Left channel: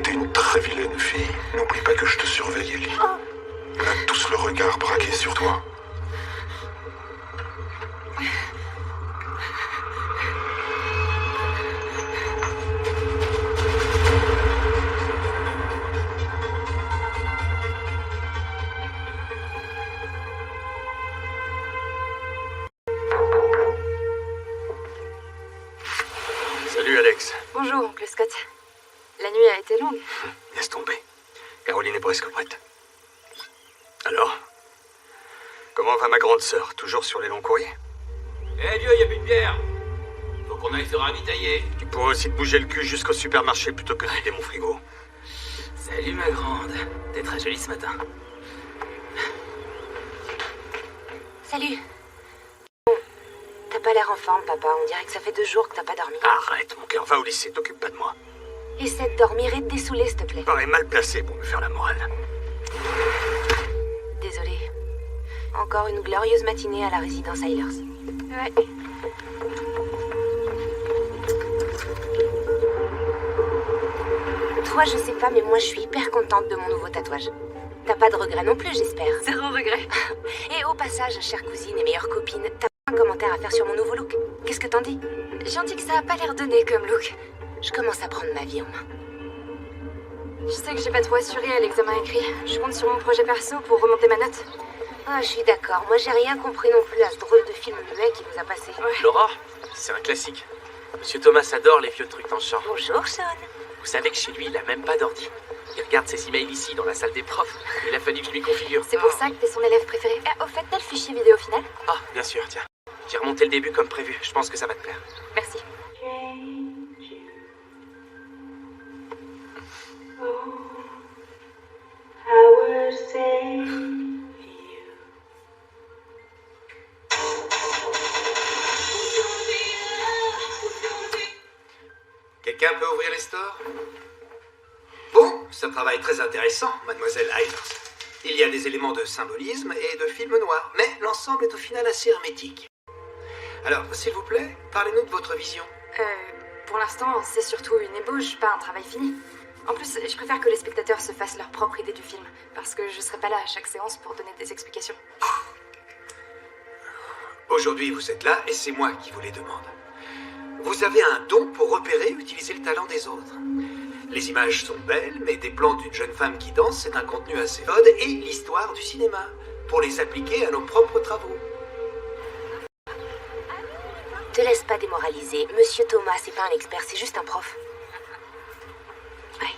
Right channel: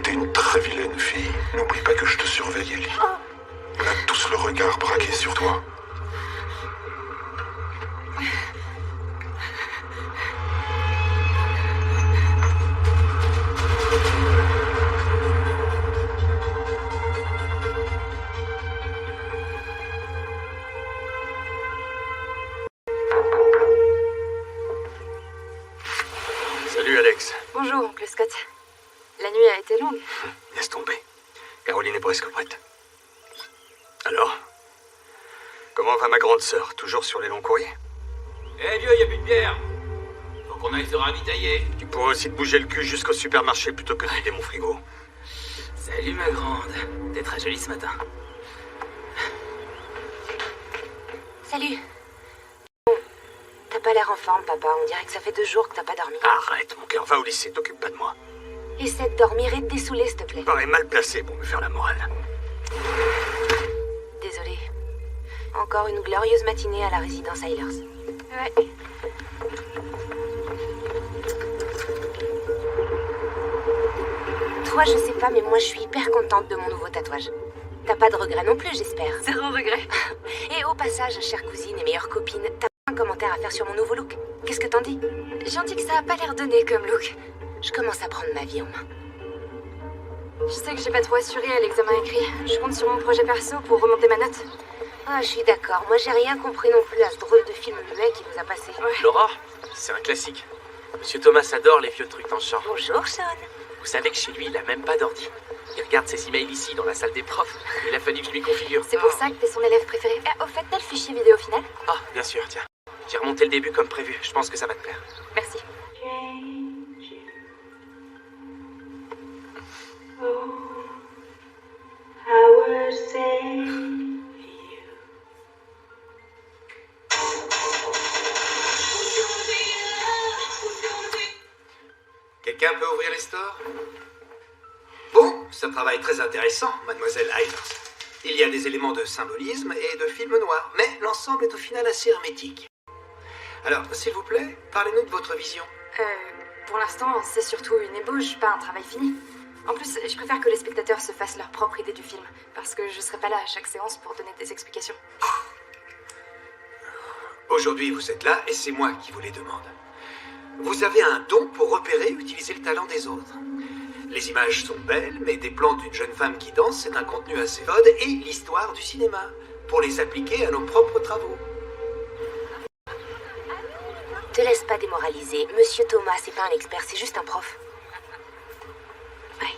T'es une très vilaine fille. N'oublie pas que je te surveille, Ellie. On a tous le regard braqué sur toi. Salut Alex. Bonjour, oncle Scott. La nuit a été longue. Laisse tomber. Caroline est presque prête. Alors, comment va ma grande sœur? Toujours sur les longs courriers? Eh vieux, y a plus de bière. Faut qu'on aille se ravitailler. Tu pourrais aussi te bouger le cul jusqu'au supermarché plutôt que de vider mon frigo. Salut ma grande. T'es très jolie ce matin. Salut. Bon, t'as pas l'air en forme, papa. On dirait que ça fait 2 jours que t'as pas dormi. Arrête, mon cœur, va au lycée, t'occupe pas de moi. Essaie de dormir et de dessouler, s'il te plaît. Tu parais mal placé pour me faire la morale. Désolée. Encore une glorieuse matinée à la résidence Eilers. Ouais. Toi, je sais pas, mais moi, je suis hyper contente de mon nouveau tatouage. T'as pas de regrets non plus, j'espère. 0 regret. Et au passage, chère cousine et meilleure copine, t'as un commentaire à faire sur mon nouveau look? Qu'est-ce que t'en dis? J'en dis que ça a pas l'air donné comme look. Je commence à prendre ma vie en main. Je sais que j'ai pas trop assuré à l'examen écrit. Je compte sur mon projet perso pour remonter ma note. Ah, je suis d'accord. Moi, j'ai rien compris non plus à ce drôle de film muet qui nous a passé. Ouais. Laura, c'est un classique. Monsieur Thomas adore les vieux trucs dans ce genre. Bonjour, Sean. Vous savez que chez lui, il a même pas d'ordi. Il regarde ses emails ici, dans la salle des profs. Il a fallu que je lui configure. C'est pour ça que t'es son élève préféré. Au fait, t'as le fichier vidéo final? Ah, bien sûr, tiens. J'ai remonté le début comme prévu. Je pense que ça va te plaire. Merci. Quelqu'un peut ouvrir les stores? Bon, c'est un travail très intéressant, mademoiselle Eilers. Il y a des éléments de symbolisme et de film noir, mais l'ensemble est au final assez hermétique. Alors, s'il vous plaît, parlez-nous de votre vision. Pour l'instant, c'est surtout une ébauche, pas un travail fini. En plus, je préfère que les spectateurs se fassent leur propre idée du film, parce que je serai pas là à chaque séance pour donner des explications. Aujourd'hui, vous êtes là et c'est moi qui vous les demande. Vous avez un don pour repérer et utiliser le talent des autres. Les images sont belles, mais des plans d'une jeune femme qui danse, c'est un contenu assez mode et l'histoire du cinéma, pour les appliquer à nos propres travaux. Te laisse pas démoraliser. Monsieur Thomas, c'est pas un expert, c'est juste un prof. Ouais.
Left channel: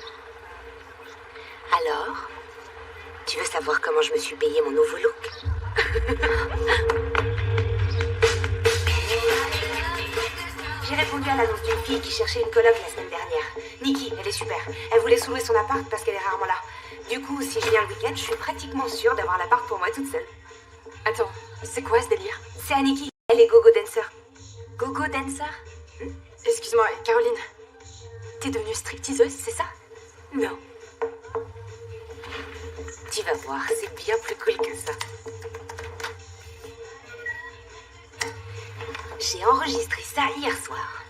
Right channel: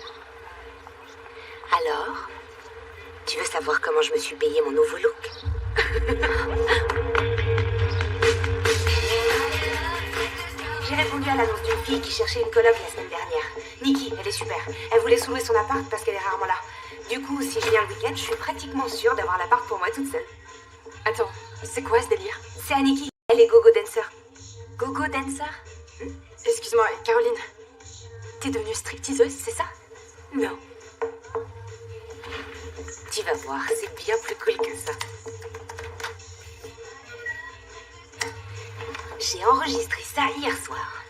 Alors, tu veux savoir comment je me suis payé mon nouveau look? J'ai répondu à l'annonce d'une fille qui cherchait une coloc la semaine dernière. Nikki, elle est super. Elle voulait sous-louer son appart parce qu'elle est rarement là. Du coup, si je viens le week-end, je suis pratiquement sûre d'avoir l'appart pour moi toute seule. Attends, c'est quoi ce délire? C'est Nikki, elle est gogo dancer. Gogo dancer? Excuse-moi, Caroline. T'es devenue stripteaseuse, c'est ça? Non. Tu vas voir, c'est bien plus cool que ça. J'ai enregistré ça hier soir.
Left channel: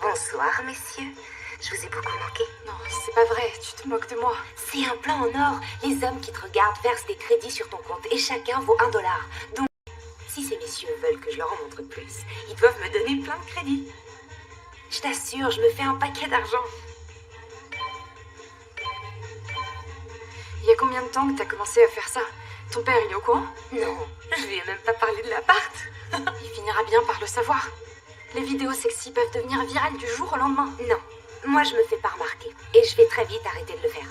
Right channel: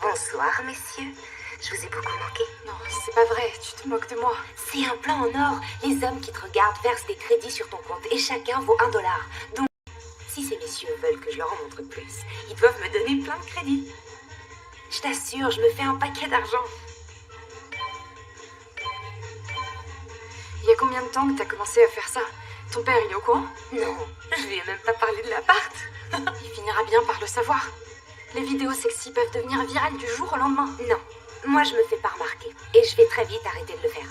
Bonsoir, messieurs. Je vous ai beaucoup manqué. Non, c'est pas vrai, tu te moques de moi. C'est un plan en or. Les hommes qui te regardent versent des crédits sur ton compte et chacun vaut $1. Donc, si ces messieurs veulent que je leur en montre plus, ils doivent me donner plein de crédits. Je t'assure, je me fais un paquet d'argent. Il y a combien de temps que t'as commencé à faire ça? Ton père, il est au courant? Non, je lui ai même pas parlé de l'appart. Il finira bien par le savoir. Les vidéos sexy peuvent devenir virales du jour au lendemain. Non, moi je me fais pas remarquer. Et je vais très vite arrêter de le faire.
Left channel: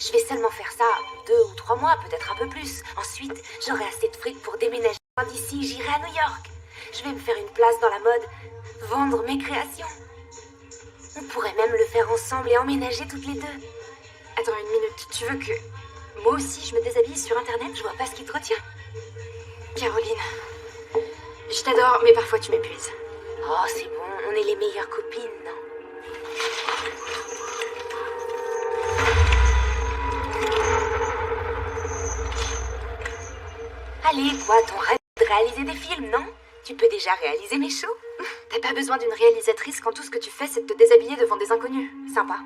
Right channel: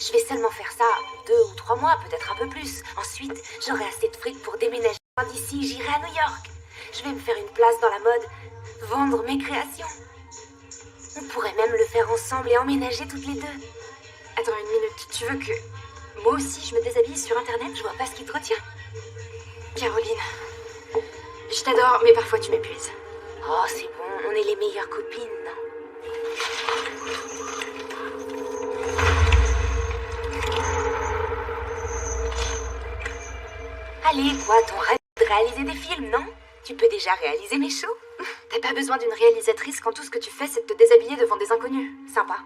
Je vais seulement faire ça 2 ou 3 mois, peut-être un peu plus. Ensuite, j'aurai assez de fric pour déménager d'ici, j'irai à New York. Je vais me faire une place dans la mode, vendre mes créations. On pourrait même le faire ensemble et emménager toutes les deux. Attends une minute, tu veux que... moi aussi je me déshabille sur internet? Je vois pas ce qui te retient. Caroline, je t'adore, mais parfois tu m'épuises. Oh, c'est bon, on est les meilleures copines, non? Allez, quoi, ton rêve de réaliser des films, non? Tu peux déjà réaliser mes shows? T'as pas besoin d'une réalisatrice quand tout ce que tu fais, c'est de te déshabiller devant des inconnus. Sympa.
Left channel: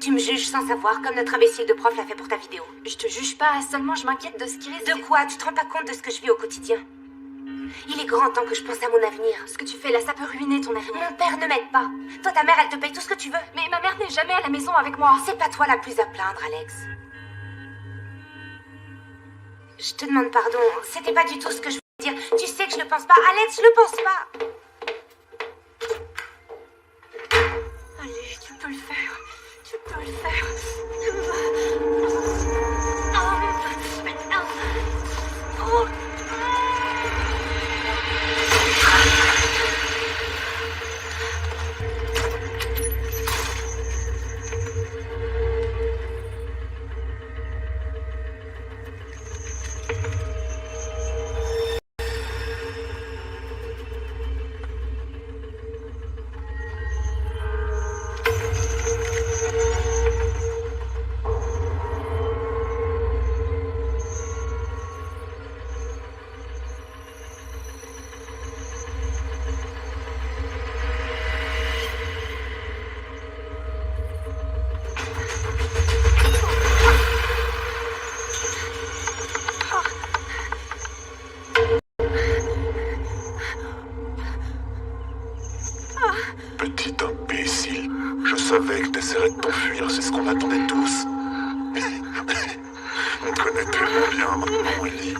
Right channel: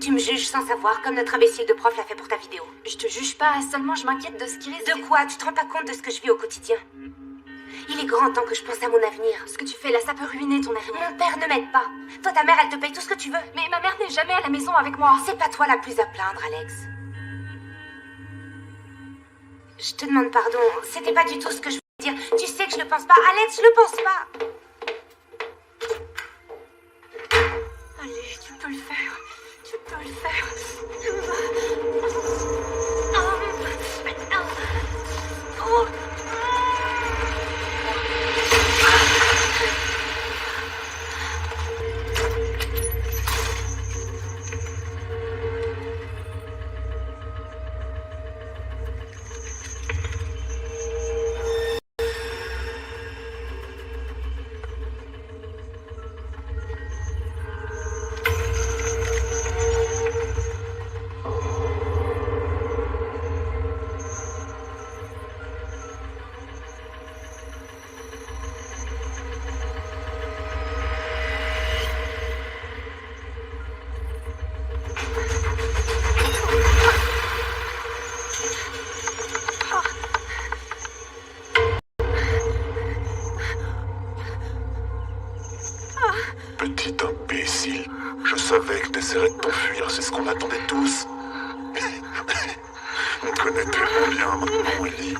Tu me juges sans savoir, comme notre imbécile de prof l'a fait pour ta vidéo. Je te juge pas, seulement je m'inquiète de ce qui risque... De quoi? Tu te rends pas compte de ce que je vis au quotidien? Il est grand temps que je pense à mon avenir. Ce que tu fais là, ça peut ruiner ton avenir. Mon père ne m'aide pas. Toi, ta mère, elle te paye tout ce que tu veux. Mais ma mère n'est jamais à la maison avec moi. C'est pas toi la plus à plaindre, Alex. Je te demande pardon. C'était pas du tout ce que je voulais dire. Tu sais que je le pense pas. Alex, je le pense pas. Allez, tu peux le faire. Tu peux le faire. Petit imbécile, je savais que t'essaierais de t'enfuir, c'est ce qu'on attendait tous. On te connaît tellement bien maintenant, Ellie.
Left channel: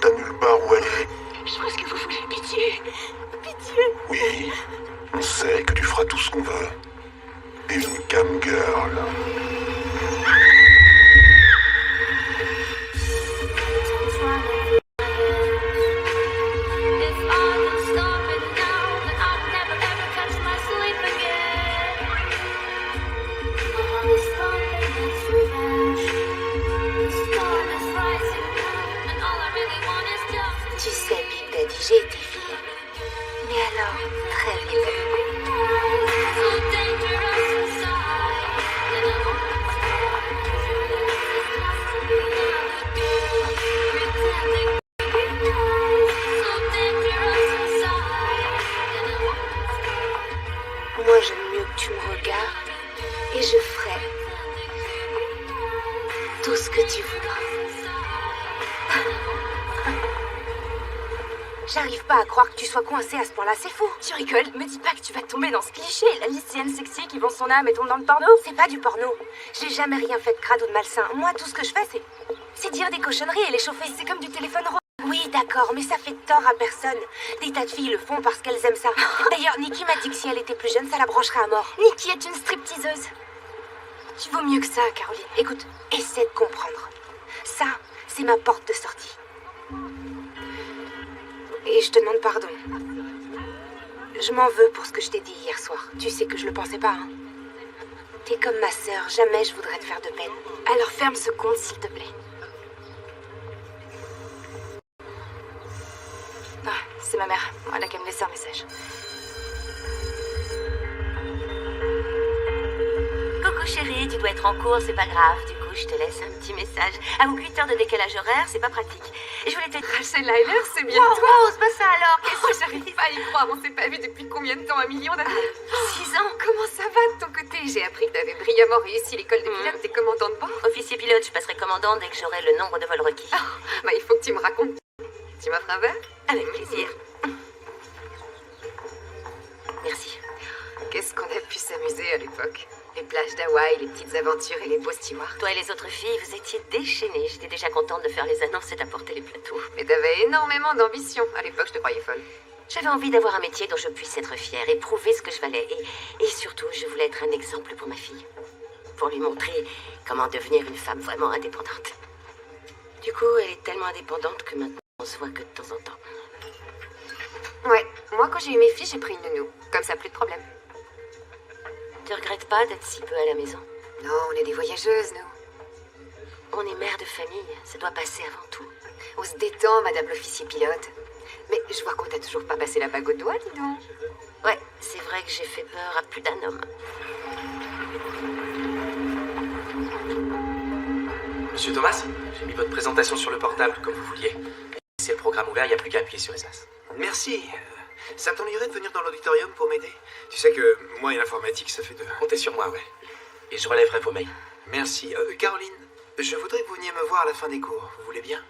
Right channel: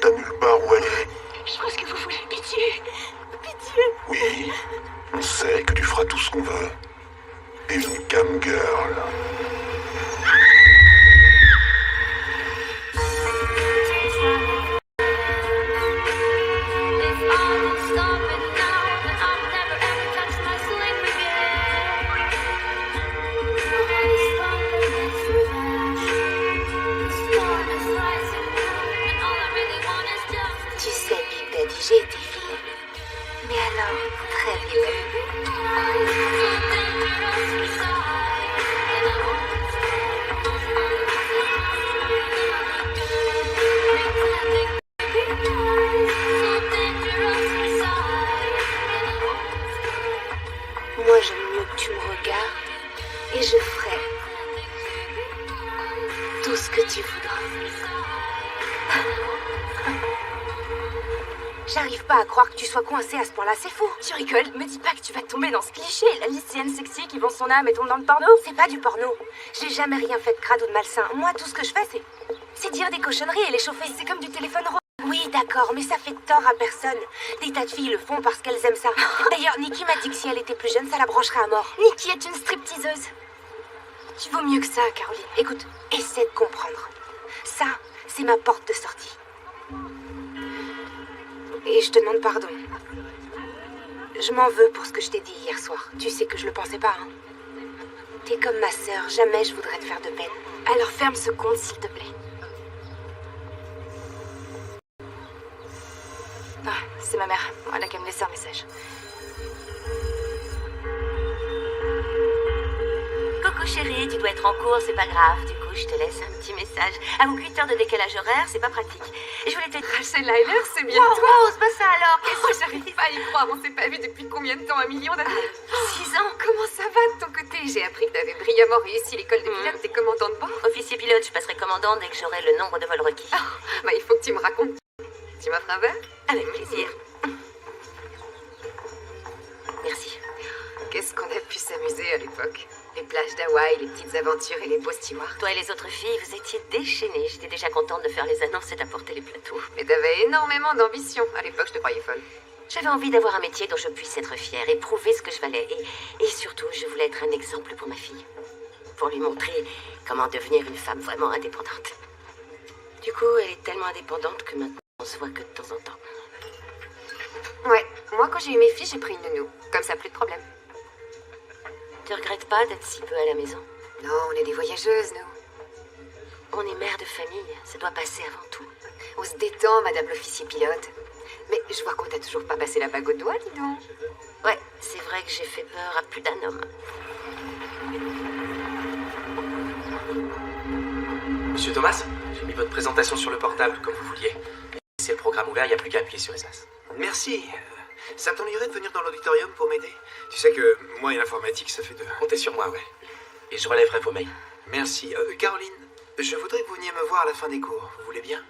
T'as nulle part où aller. Je pense que vous voulez pitié. Pitié. Oui, on sait que tu feras tout ce qu'on veut. Et une cam girl. Tu sais, Big Daddy, j'ai été vilaine. Mais alors, très vilaine. Moi, j'aime mieux que tu me regardes et je ferai tout ce que tu voudras. J'arrive pas à croire que tu sois coincée à ce point-là, c'est fou. Tu rigoles, me dis pas que tu vas tomber dans ce cliché, la lycéenne sexy qui vend son âme et tombe dans le porno. C'est pas du porno. J'ai jamais rien fait de crade ou de malsain. Moi, tout ce que je fais, c'est dire des cochonneries et les chauffer. C'est comme du téléphone rose. Oui, d'accord, mais ça fait tort à personne. Des tas de filles le font parce qu'elles aiment ça. D'ailleurs, Nikki m'a dit que si elle était plus jeune, ça la brancherait à mort. Nikki est une stripteaseuse. Tu vaux mieux que ça, Caroline. Écoute, essaie de comprendre. Ça, c'est ma porte de sortie. Et je te demande pardon. Je m'en veux pour ce que je t'ai dit hier soir. Tu sais que je le pensais pas, hein. T'es comme ma sœur, jamais je voudrais te faire de peine. Alors ferme ce compte, s'il te plaît. Ah, c'est ma mère. Elle a qu'à me laisser un message. Coucou chérie, tu dois être en cours, c'est pas grave. Du coup, je te laisse un petit message. Avec 8 heures de décalage horaire, c'est pas pratique. Et je voulais te dire... Rachel Lyler, c'est bien Wow, toi. wow, c'est pas ça alors. J'arrive pas à y croire. On s'est pas vu depuis combien de temps? 1 million d'années? 6 ans. Comment ça va de ton côté? J'ai appris que t'avais brillamment réussi l'école de pilote. T'es commandant de bord? Officier pilote, je passerai commandant dès que j'aurai le nombre de vols requis. Bah, il faut que tu me racontes. Tu m'offres un verre? Avec plaisir. Merci. Qu'est-ce qu'on a pu s'amuser à l'époque? Les plages d'Hawaï, les petites aventures et les beaux stewards. Toi et les autres filles, vous étiez déchaînées. J'étais déjà contente de faire les annonces et d'apporter les plateaux. Mais t'avais énormément d'ambition. À l'époque, je te croyais folle. J'avais envie d'avoir un métier dont je puisse être fière et prouver ce que je valais. Et surtout, je voulais être un exemple pour ma fille. Pour lui montrer comment devenir une femme vraiment indépendante. Du coup, elle est tellement indépendante que maintenant, on se voit que de temps en temps. Ouais, moi quand j'ai eu mes filles, j'ai pris une nounou. Comme ça, plus de problème. Tu regrettes pas d'être si peu à la maison? Non, on est des voyageuses, nous. On est mère de famille, ça doit passer avant tout. On se détend, madame l'officier pilote. Mais je vois qu'on t'a toujours pas passé la bague au doigt, dis donc. Ouais, c'est vrai que j'ai fait peur à plus d'un homme. Monsieur Thomas, j'ai mis votre présentation sur le portable, comme vous vouliez. C'est le programme ouvert, il n'y a plus qu'à appuyer sur les as. Merci. Ça t'ennuierait de venir dans l'auditorium pour m'aider? Tu sais que moi et l'informatique, ça fait deux. Comptez sur moi, ouais. Et je relèverai vos mails. Merci. Caroline, je voudrais que vous veniez me voir à la fin des cours. Vous voulez bien?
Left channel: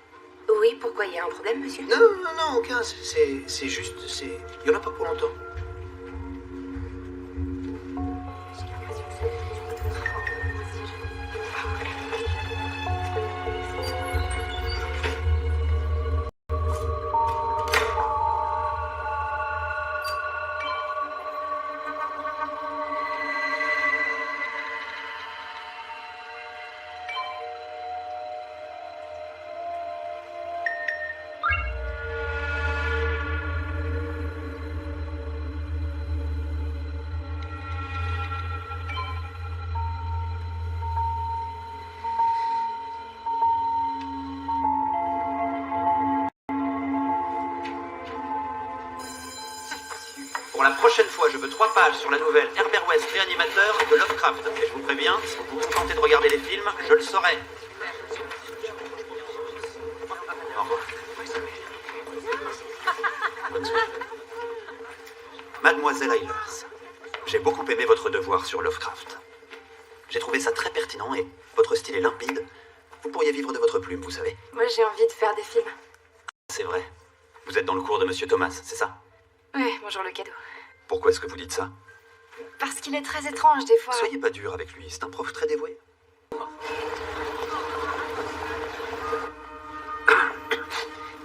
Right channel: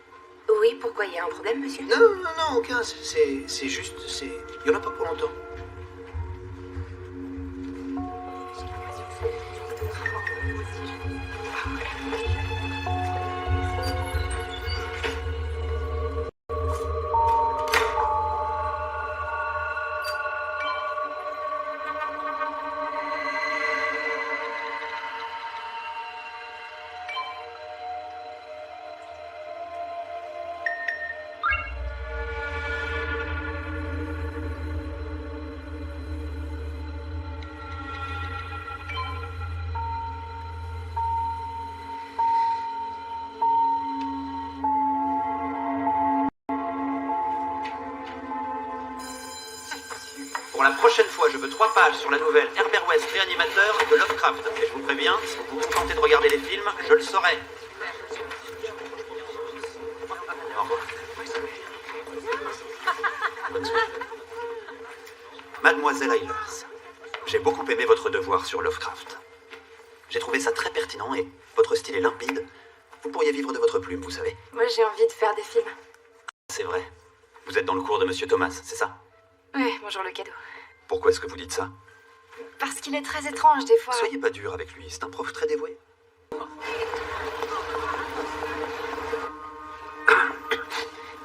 Oui, pourquoi, il y a un problème, monsieur? Non, aucun. C'est juste, il y en a pas pour longtemps. Pour la prochaine fois, je veux 3 pages sur la nouvelle Herbert West, réanimateur de Lovecraft. Et je vous préviens, si vous vous contentez de regarder les films, je le saurai. Au revoir. Bonne soirée. Mademoiselle Eilers, j'ai beaucoup aimé votre devoir sur Lovecraft. J'ai trouvé ça très pertinent et votre style est limpide. Vous pourriez vivre de votre plume, vous savez. Moi, j'ai envie de faire des films. C'est vrai. Vous êtes dans le cours de Monsieur Thomas, c'est ça? Ouais, bonjour le cadeau. Pourquoi est-ce que vous dites ça? Parce qu'il est très étrange, des fois. Soyez pas dur avec lui, c'est un prof très dévoué.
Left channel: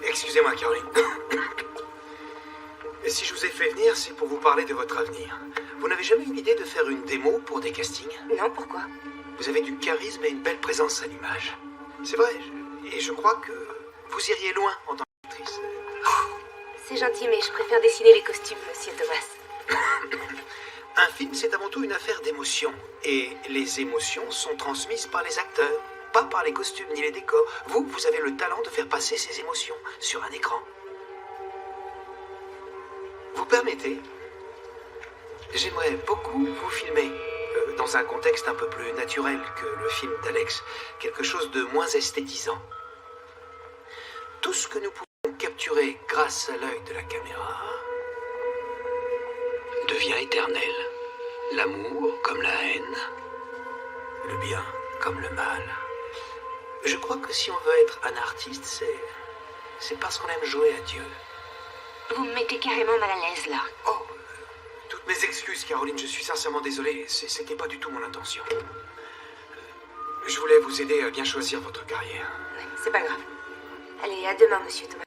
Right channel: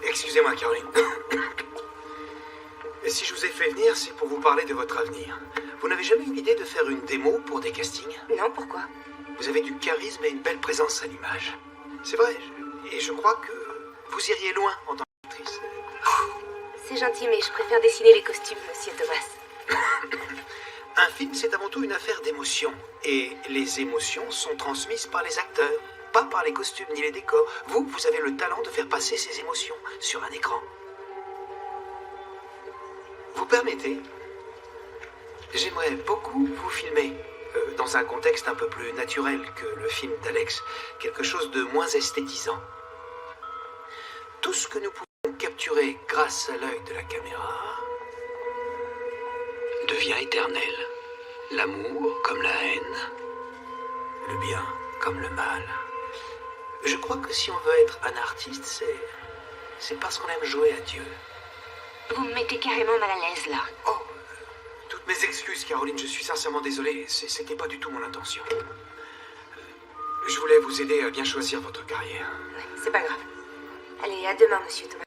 Excusez-moi, Caroline. Et si je vous ai fait venir, c'est pour vous parler de votre avenir. Vous n'avez jamais eu l'idée de faire une démo pour des castings? Non, pourquoi? Vous avez du charisme et une belle présence à l'image. C'est vrai, et je crois que vous iriez loin en tant qu'actrice. C'est gentil, mais je préfère dessiner les costumes, monsieur Thomas. Un film, c'est avant tout une affaire d'émotions. Et les émotions sont transmises par les acteurs, pas par les costumes ni les décors. Vous avez le talent de faire passer ces émotions sur un écran. Vous permettez? J'aimerais beaucoup vous filmer, dans un contexte un peu plus naturel que le film d'Alex. Quelque chose de moins esthétisant. Tout ce que nous pouvons capturer grâce à l'œil de la caméra devient éternel. L'amour comme la haine, le bien comme le mal. Je crois que si on veut être un artiste, c'est parce qu'on aime jouer à Dieu. Vous me mettez carrément mal à l'aise, là. Oh, toutes mes excuses, Caroline, je suis sincèrement désolé. C'était pas du tout mon intention. Je voulais vous aider à bien choisir votre carrière. C'est pas grave. Allez, à demain, monsieur Thomas.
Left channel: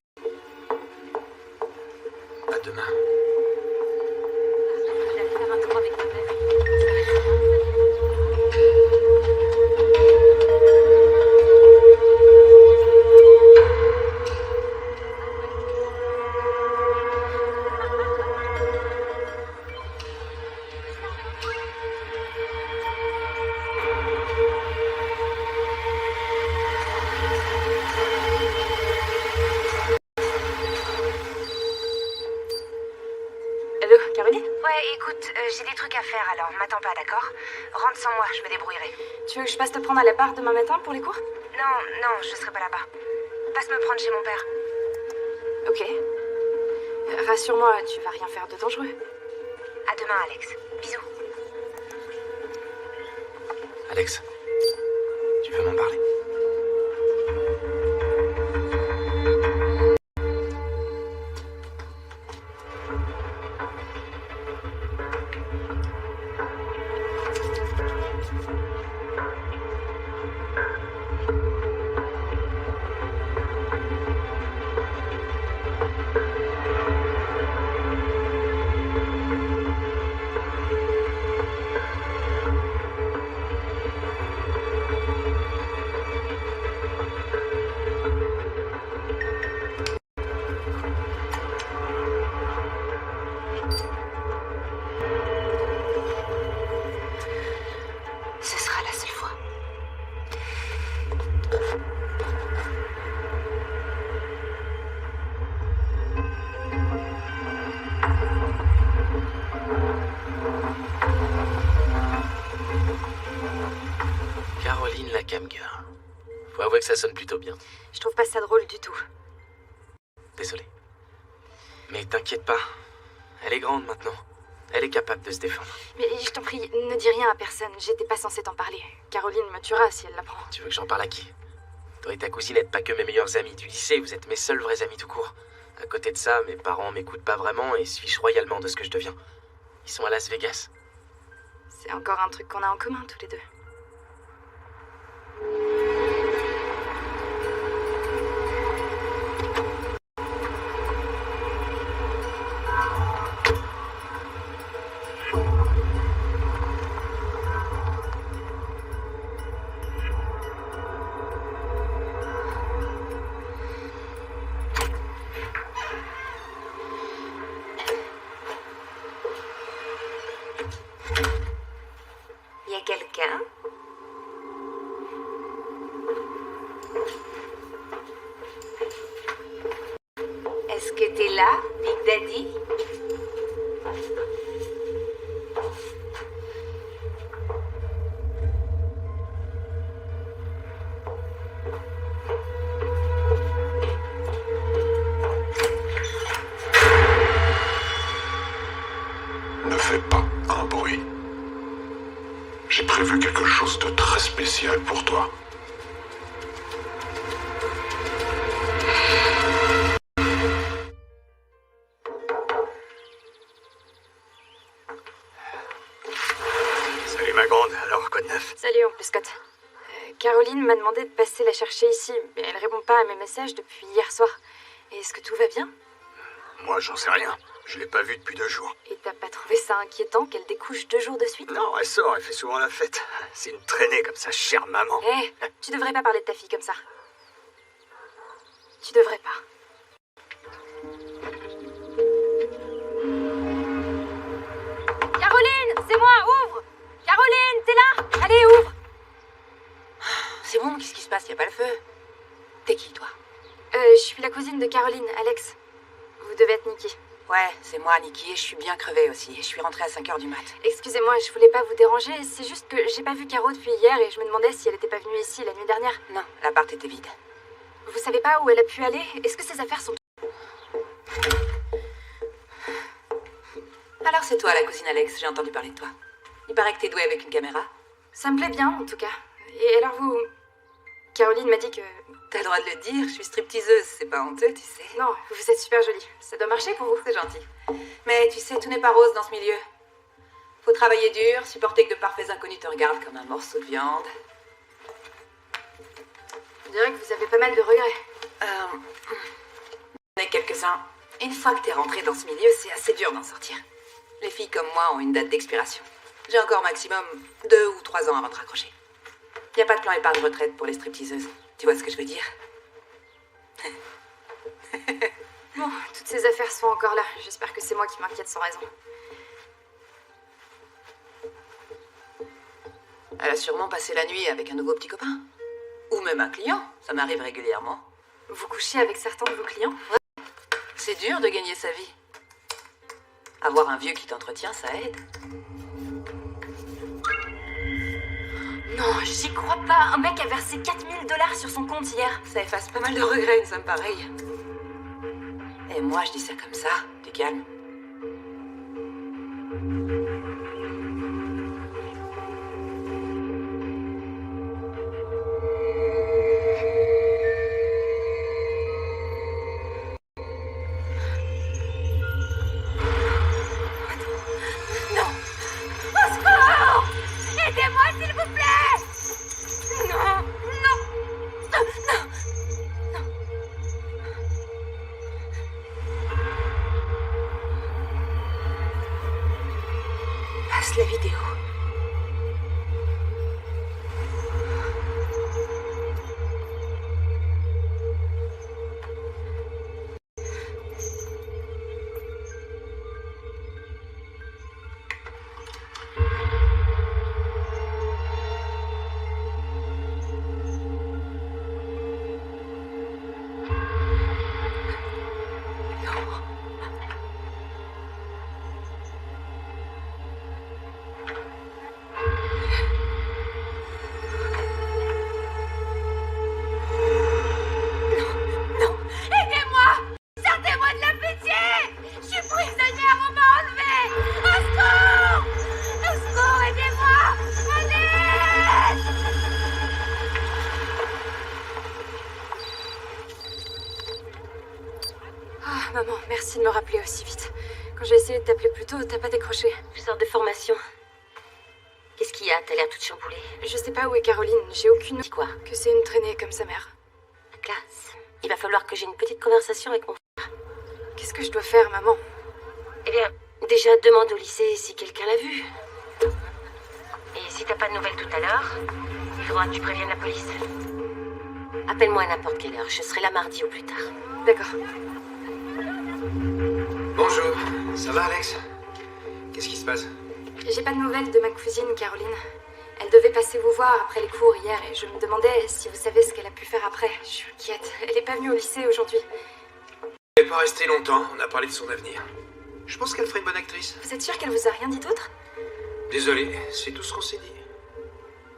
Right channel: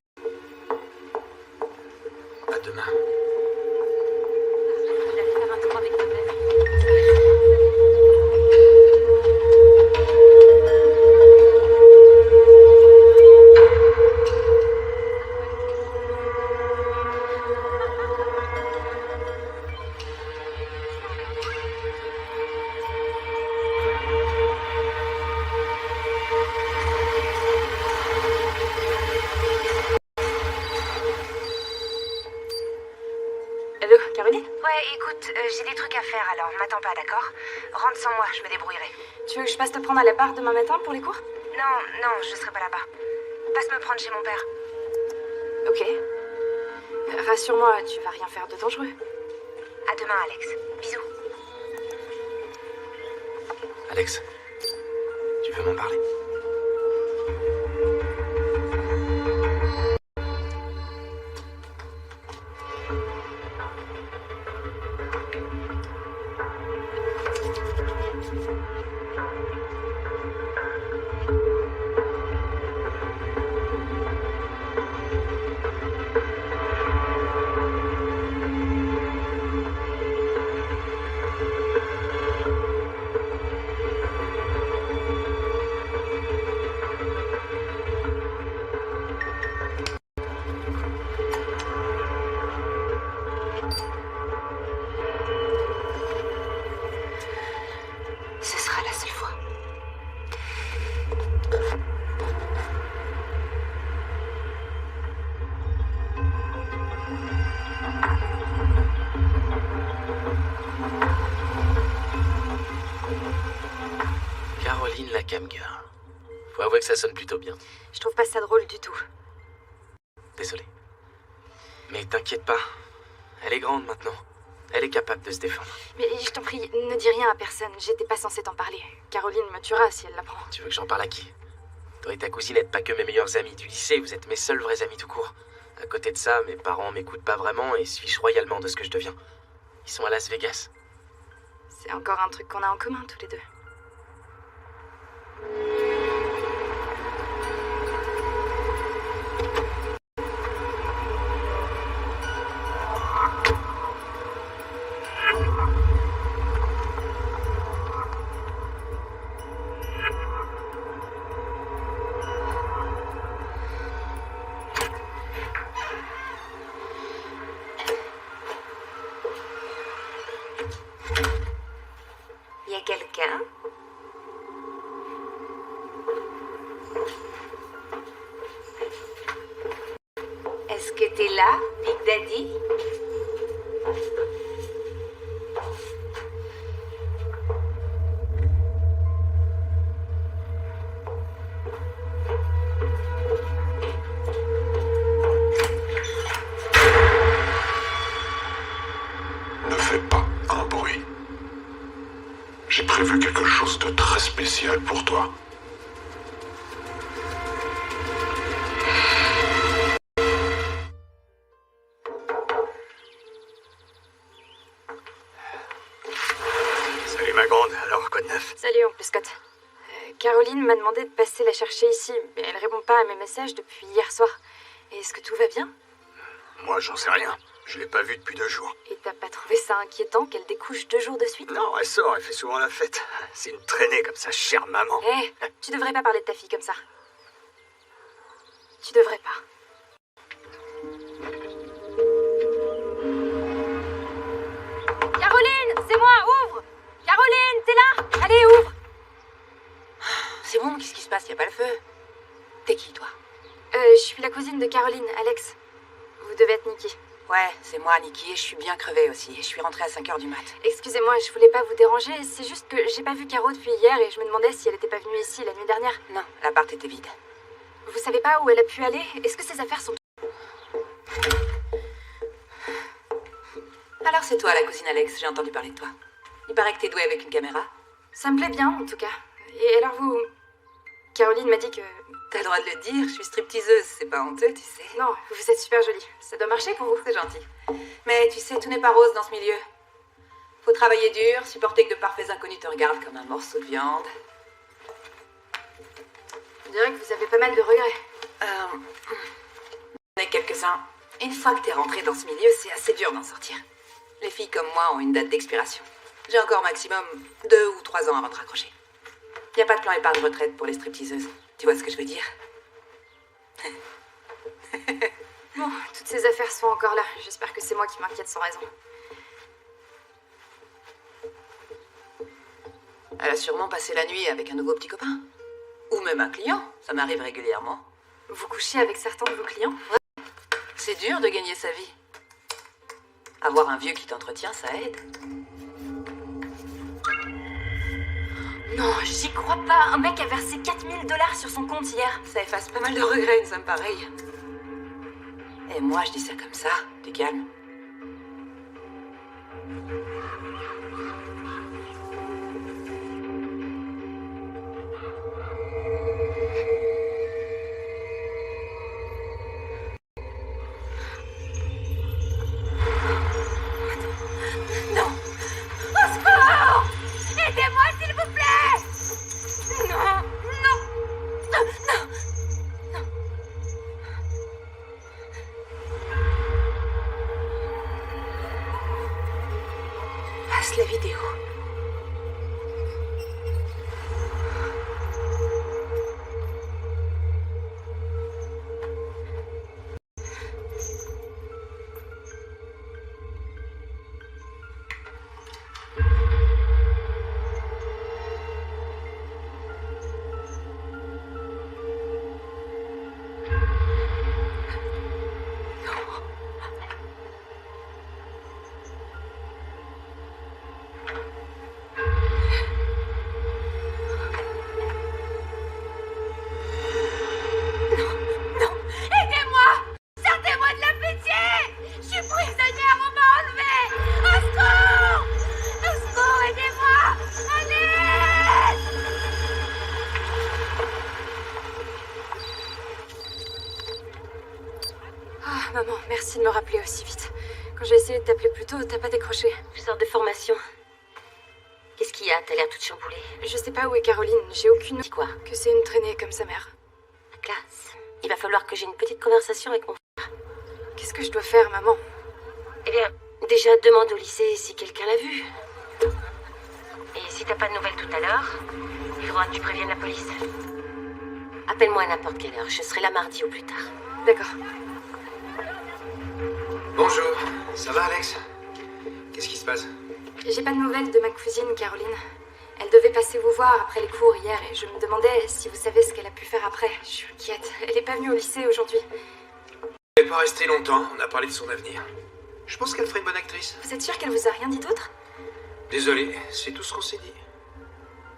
À demain. D'aller faire un tour avec ta mère. Allô, Caroline? Ouais, écoute, j'ai des trucs à faire, alors m'attends pas, d'accord? Rentre sans moi, je me débrouillerai. Tu veux que je passe te prendre à l'appart demain matin pour les cours? Non, je serai pas là-bas. Passe me prendre chez mon père. Ok. Rassure-moi, tu vas rien faire de dangereux. À demain, Alex. Bisous. Alex, tu veux m'en parler? Ce sera la seule fois. Caroline la cam girl. Faut avouer que ça sonne plutôt bien. Je trouve pas ça drôle du tout. Désolé. Mais t'inquiète pas, Elle est grande maintenant. Elle est capable de se défendre. Mais je t'en prie, ne dis rien à personne. J'étais pas censée t'en parler. Caroline me tuera si elle l'apprend. Tu veux que j'en parle à qui? Toi et ta cousine n'êtes pas que mes meilleurs amis du lycée, vous êtes mes seuls vrais amis tout court. À côté de ça, mes parents m'écoutent pas vraiment et se fichent royalement de ce que je deviens. Ils sont à Las Vegas. C'est encore un truc qu'on a en commun tous les deux. Y a quelqu'un? Est-ce que t'es là, Big Daddy? Ne fais pas un bruit. J'ai prévu quelque chose de très spécial pour toi. Salut ma grande, alors quoi de neuf? Salut, oncle Scott. Caroline m'a demandé de passer la chercher ici, mais elle répond pas à mes messages depuis hier soir. Est-ce que tout va bien? Moi, j'en sais rien. Je l'ai pas vue depuis 2 jours. Et t'as pas trouvé ça inquiétant qu'elle découche 2 jours de suite? Non, elle sort, elle fait souvent la fête. C'est une traînée comme ça, chère maman. Hé, tu devrais pas parler de ta fille comme ça. Tu devrais pas. Caroline, c'est moi, ouvre! Caroline, t'es là? Allez, ouvre! C'est bon, qu'est-ce qui se passe? Y a pas le feu? T'es qui, toi? Je suis la cousine de Caroline, Alex. Vous devez être Nikki. Ouais, c'est moi, Nikki, et je suis bien crevée aussi. Je suis rentrée à 5h du mat. Excusez-moi, je voulais pas vous déranger, c'est juste que j'ai pas vu Caro depuis hier et je me demandais si elle était pas venue ici la nuit dernière. Non, l'appart était vide. Vous savez pas où elle a pu aller? Est-ce que ses affaires sont... Alors c'est toi, la cousine Alex, j'ai entendu parler de toi. Il paraît que t'es douée avec une caméra. Ça me plaît bien, en tout cas. Et alors vous... Caroline m'a dit que... T'as le droit de le dire, je suis stripteaseuse, c'est pas honteux, tu sais. Non, vous êtes super jolie. Ça doit marcher pour vous. C'est gentil. Mais tu sais, tout n'est pas rose dans ce milieu. Faut travailler dur, supporter que de parfaits inconnus te regardent comme un morceau de viande. On dirait que vous avez pas mal de regrets. J'en ai quelques-uns. Une fois que t'es rentrée dans ce milieu, c'est assez dur d'en sortir. Les filles comme moi ont une date d'expiration. J'ai encore maximum 2 ou 3 ans avant de raccrocher. Y a pas de plan épargne retraite pour les stripteaseuses. Tu vois ce que je veux dire? Bon, toutes ces affaires sont encore là. J'espère que c'est moi qui m'inquiète sans raison. Elle a sûrement passé la nuit avec un nouveau petit copain. Ou même un client, ça m'arrive régulièrement. Vous couchez avec certains de vos clients? C'est dur de gagner sa vie. Avoir un vieux qui t'entretient, ça aide. Non, j'y crois pas. Un mec a versé 4000 $ sur son compte hier. Ça efface pas mal de regrets, une somme pareille. Et moi, je dis ça comme ça. T'es calme. Passe la vidéo. Ah, maman, merci de me rappeler aussi vite. Quand j'ai essayé de t'appeler plus tôt, t'as pas décroché. Je sors de formation. Qu'est-ce qu'il y a? T'as l'air toute chamboulée. Je sais pas où est Caroline, j'ai aucune... Dis quoi? Que c'est une traînée comme sa mère. La classe. Il va falloir que j'ai une petite conversation avec mon frère. Qu'est-ce que je dois faire, maman? Eh bien, déjà, demande au lycée si quelqu'un l'a vue. Et si t'as pas de nouvelles tout à l'heure, il faudra que tu préviennes la police. Appelle-moi à n'importe quelle heure, je serai là mardi ou plus tard. D'accord. Bonjour, ça va Alex? Qu'est-ce qui se passe? J'ai pas de nouvelles de ma cousine, Caroline. Elle devait passer vous voir après les cours hier et je me demandais si vous savez ce qu'elle a pu faire après. Je suis inquiète. Elle est pas venue au lycée aujourd'hui. Elle n'est pas restée longtemps, on a parlé de son avenir. Je pense qu'elle ferait une bonne actrice. Vous êtes sûr qu'elle vous a rien dit d'autre? Désolé, c'est tout ce qu'on s'est dit.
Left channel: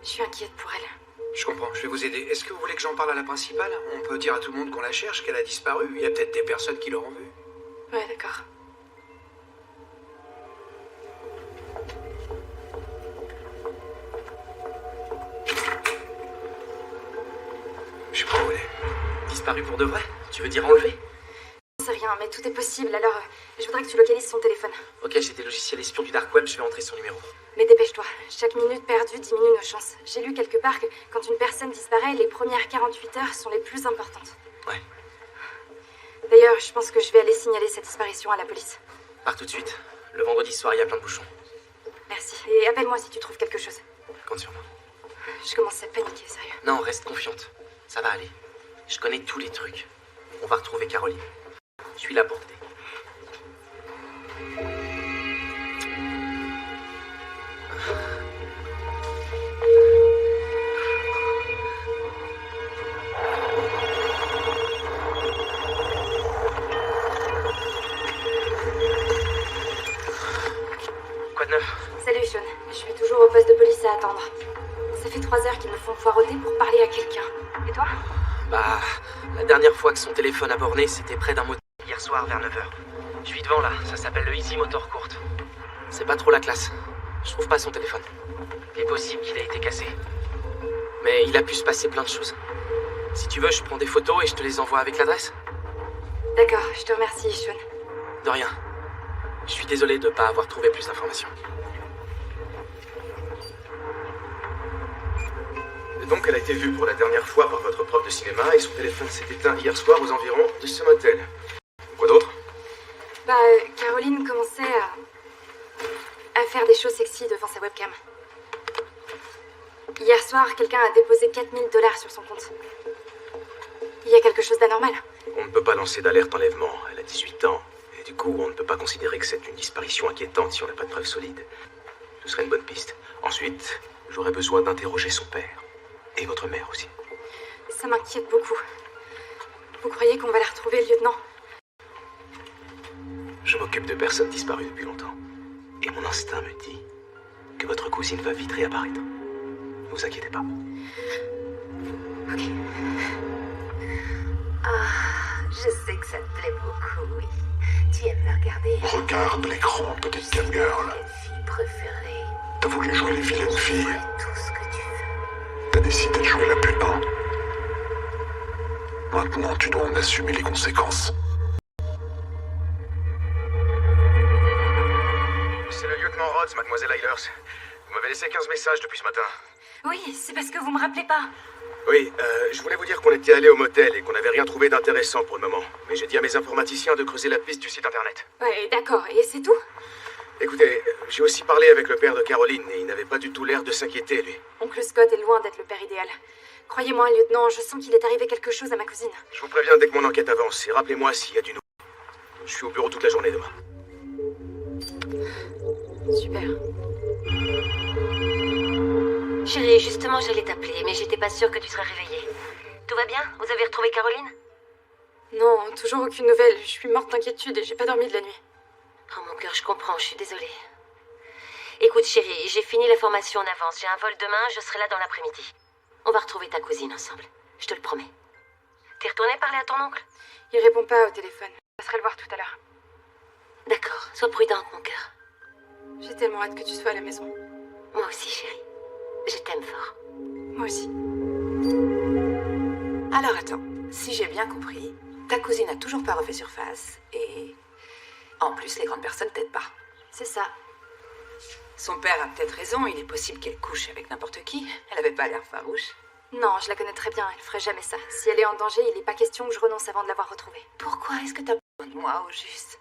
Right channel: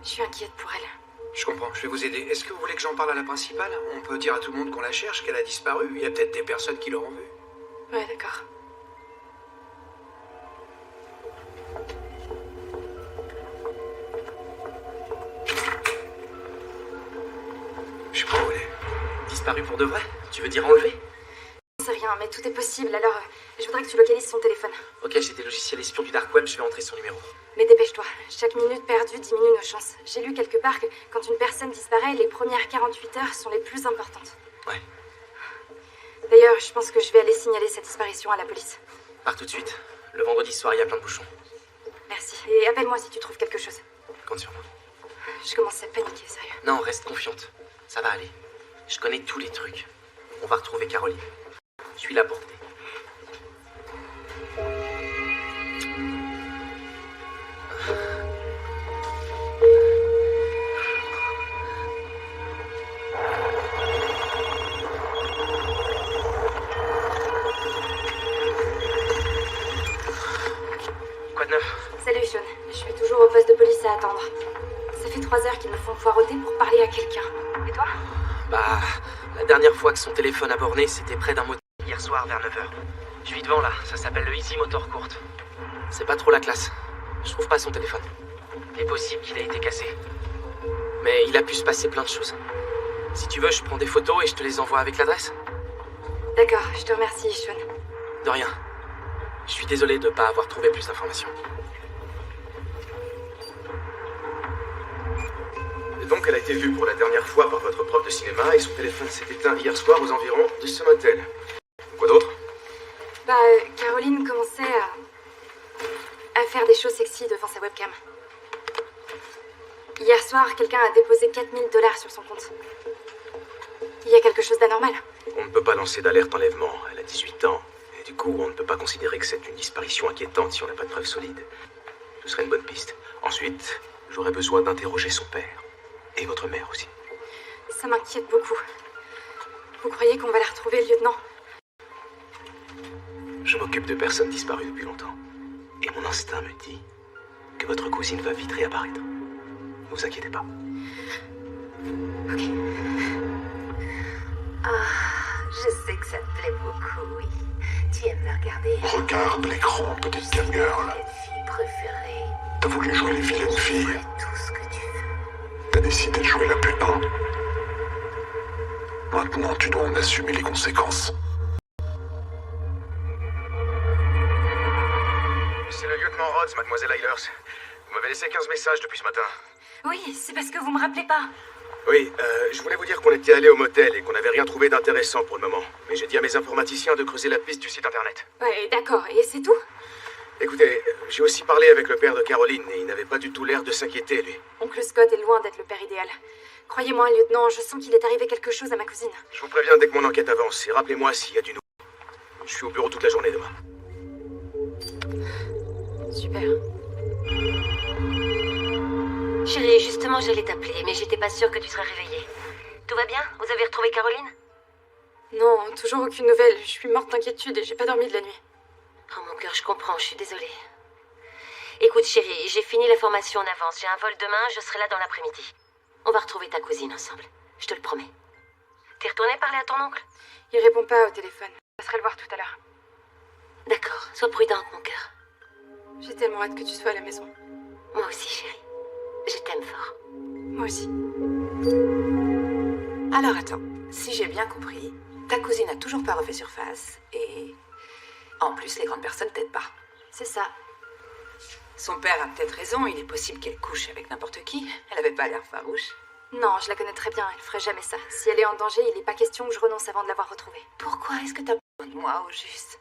Je suis inquiète pour elle. Je comprends, je vais vous aider. Est-ce que vous voulez que j'en parle à la principale? On peut dire à tout le monde qu'on la cherche, qu'elle a disparu. Il y a peut-être des personnes qui l'auront vue. Ouais, d'accord. Je sais pas où elle est. Disparu pour de vrai? Tu veux dire enlevé? Je sais rien, mais tout est possible, alors je voudrais que tu localises son téléphone. Ok, j'ai des logiciels espions du dark web, je vais entrer son numéro. Mais dépêche-toi, chaque minute perdue diminue nos chances. J'ai lu quelque part que quand une personne disparaît, les premières 48 heures sont les plus importantes. Ouais. D'ailleurs, je pense que je vais aller signaler sa disparition à la police. Pars tout de suite. Le vendredi soir, il y a plein de bouchons. Merci. Et appelle-moi si tu trouves quelque chose. Compte sur moi. Je commence à paniquer, sérieux. Non, reste confiante. Ça va aller. Je connais tous les trucs. On va retrouver Caroline. Je suis là pour t'aider. Quoi de neuf? Salut, Sean. Je suis toujours au poste de police à attendre. Ça fait 3 heures qu'ils me font poireauter pour parler à quelqu'un. Et toi? Bah, la dernière fois que son téléphone a borné, c'était près d'un motel hier soir vers 9h. Je suis devant là, ça s'appelle le Easy Motor Court. C'est pas trop la classe. Je trouve pas son téléphone. Il est possible qu'il ait été cassé. Mais il a pu se passer plein de choses. Si tu veux, je prends des photos et je te les envoie avec l'adresse. D'accord, je te remercie, Sean. De rien. Je suis désolé de pas avoir trouvé plus d'informations. Et donc, elle a été vue pour la dernière fois par votre prof de cinéma et son téléphone s'est éteint hier soir aux environs de ce motel. Quoi d'autre? Bah, Caroline commençait à faire des choses sexy devant sa webcam. Hier soir, quelqu'un a déposé 4 000 $ sur son compte. Il y a quelque chose d'anormal. On ne peut pas lancer d'alerte enlèvement. Elle a 18 ans. Et du coup, on ne peut pas considérer que c'est une disparition inquiétante si on n'a pas de preuves solides. Ce serait une bonne piste. Ensuite, j'aurais besoin d'interroger son père. Et votre mère aussi. Ça m'inquiète beaucoup. Vous croyez qu'on va la retrouver, lieutenant? Je m'occupe de personnes disparues depuis longtemps. Et mon instinct me dit que votre cousine va vite réapparaître. Ne vous inquiétez pas. Ok. Ah, je sais que ça te plaît beaucoup, oui. Tu aimes me regarder. Regarde l'écran, petite camgirl. Ta fille préférée. T'as voulu jouer les vilaines filles. Fais tout ce que tu veux. T'as décidé de jouer la putain. Maintenant, tu dois en assumer les conséquences. C'est le lieutenant Rhodes, mademoiselle Eilers. Vous m'avez laissé 15 messages depuis ce matin. Oui, c'est parce que vous me rappelez pas. Oui, je voulais vous dire qu'on était allé au motel et qu'on n'avait rien trouvé d'intéressant pour le moment. Mais j'ai dit à mes informaticiens de creuser la piste du site internet. Ouais, d'accord. Et c'est tout? Écoutez, j'ai aussi parlé avec le père de Caroline et il n'avait pas du tout l'air de s'inquiéter, lui. Oncle Scott est loin d'être le père idéal. Croyez-moi, lieutenant, je sens qu'il est arrivé quelque chose à ma cousine. Je vous préviens dès que mon enquête avance et rappelez-moi s'il y a du nouveau. Je suis au bureau toute la journée demain. Super. Chérie, justement, j'allais t'appeler, mais j'étais pas sûre que tu serais réveillée. Tout va bien? Vous avez retrouvé Caroline? Non, toujours aucune nouvelle. Je suis morte d'inquiétude et j'ai pas dormi de la nuit. Oh mon cœur, je comprends, je suis désolée. Écoute, chérie, j'ai fini la formation en avance. J'ai un vol demain, je serai là dans l'après-midi. On va retrouver ta cousine ensemble. Je te le promets. T'es retournée parler à ton oncle? Il répond pas au téléphone. Je passerai le voir tout à l'heure. D'accord, sois prudente, mon cœur. J'ai tellement hâte que tu sois à la maison. Moi aussi, chérie. Je t'aime fort. Moi aussi. Alors attends, si j'ai bien compris, Ta cousine a toujours pas refait surface, et... En plus, les grandes personnes t'aident pas. C'est ça. Son père a peut-être raison, il est possible qu'elle couche avec n'importe qui. Elle avait pas l'air farouche. Non, je la connais très bien, elle ferait jamais ça. Si elle est en danger, il n'est pas question que je renonce avant de l'avoir retrouvée. Pourquoi est-ce que t'as besoin de moi, au juste?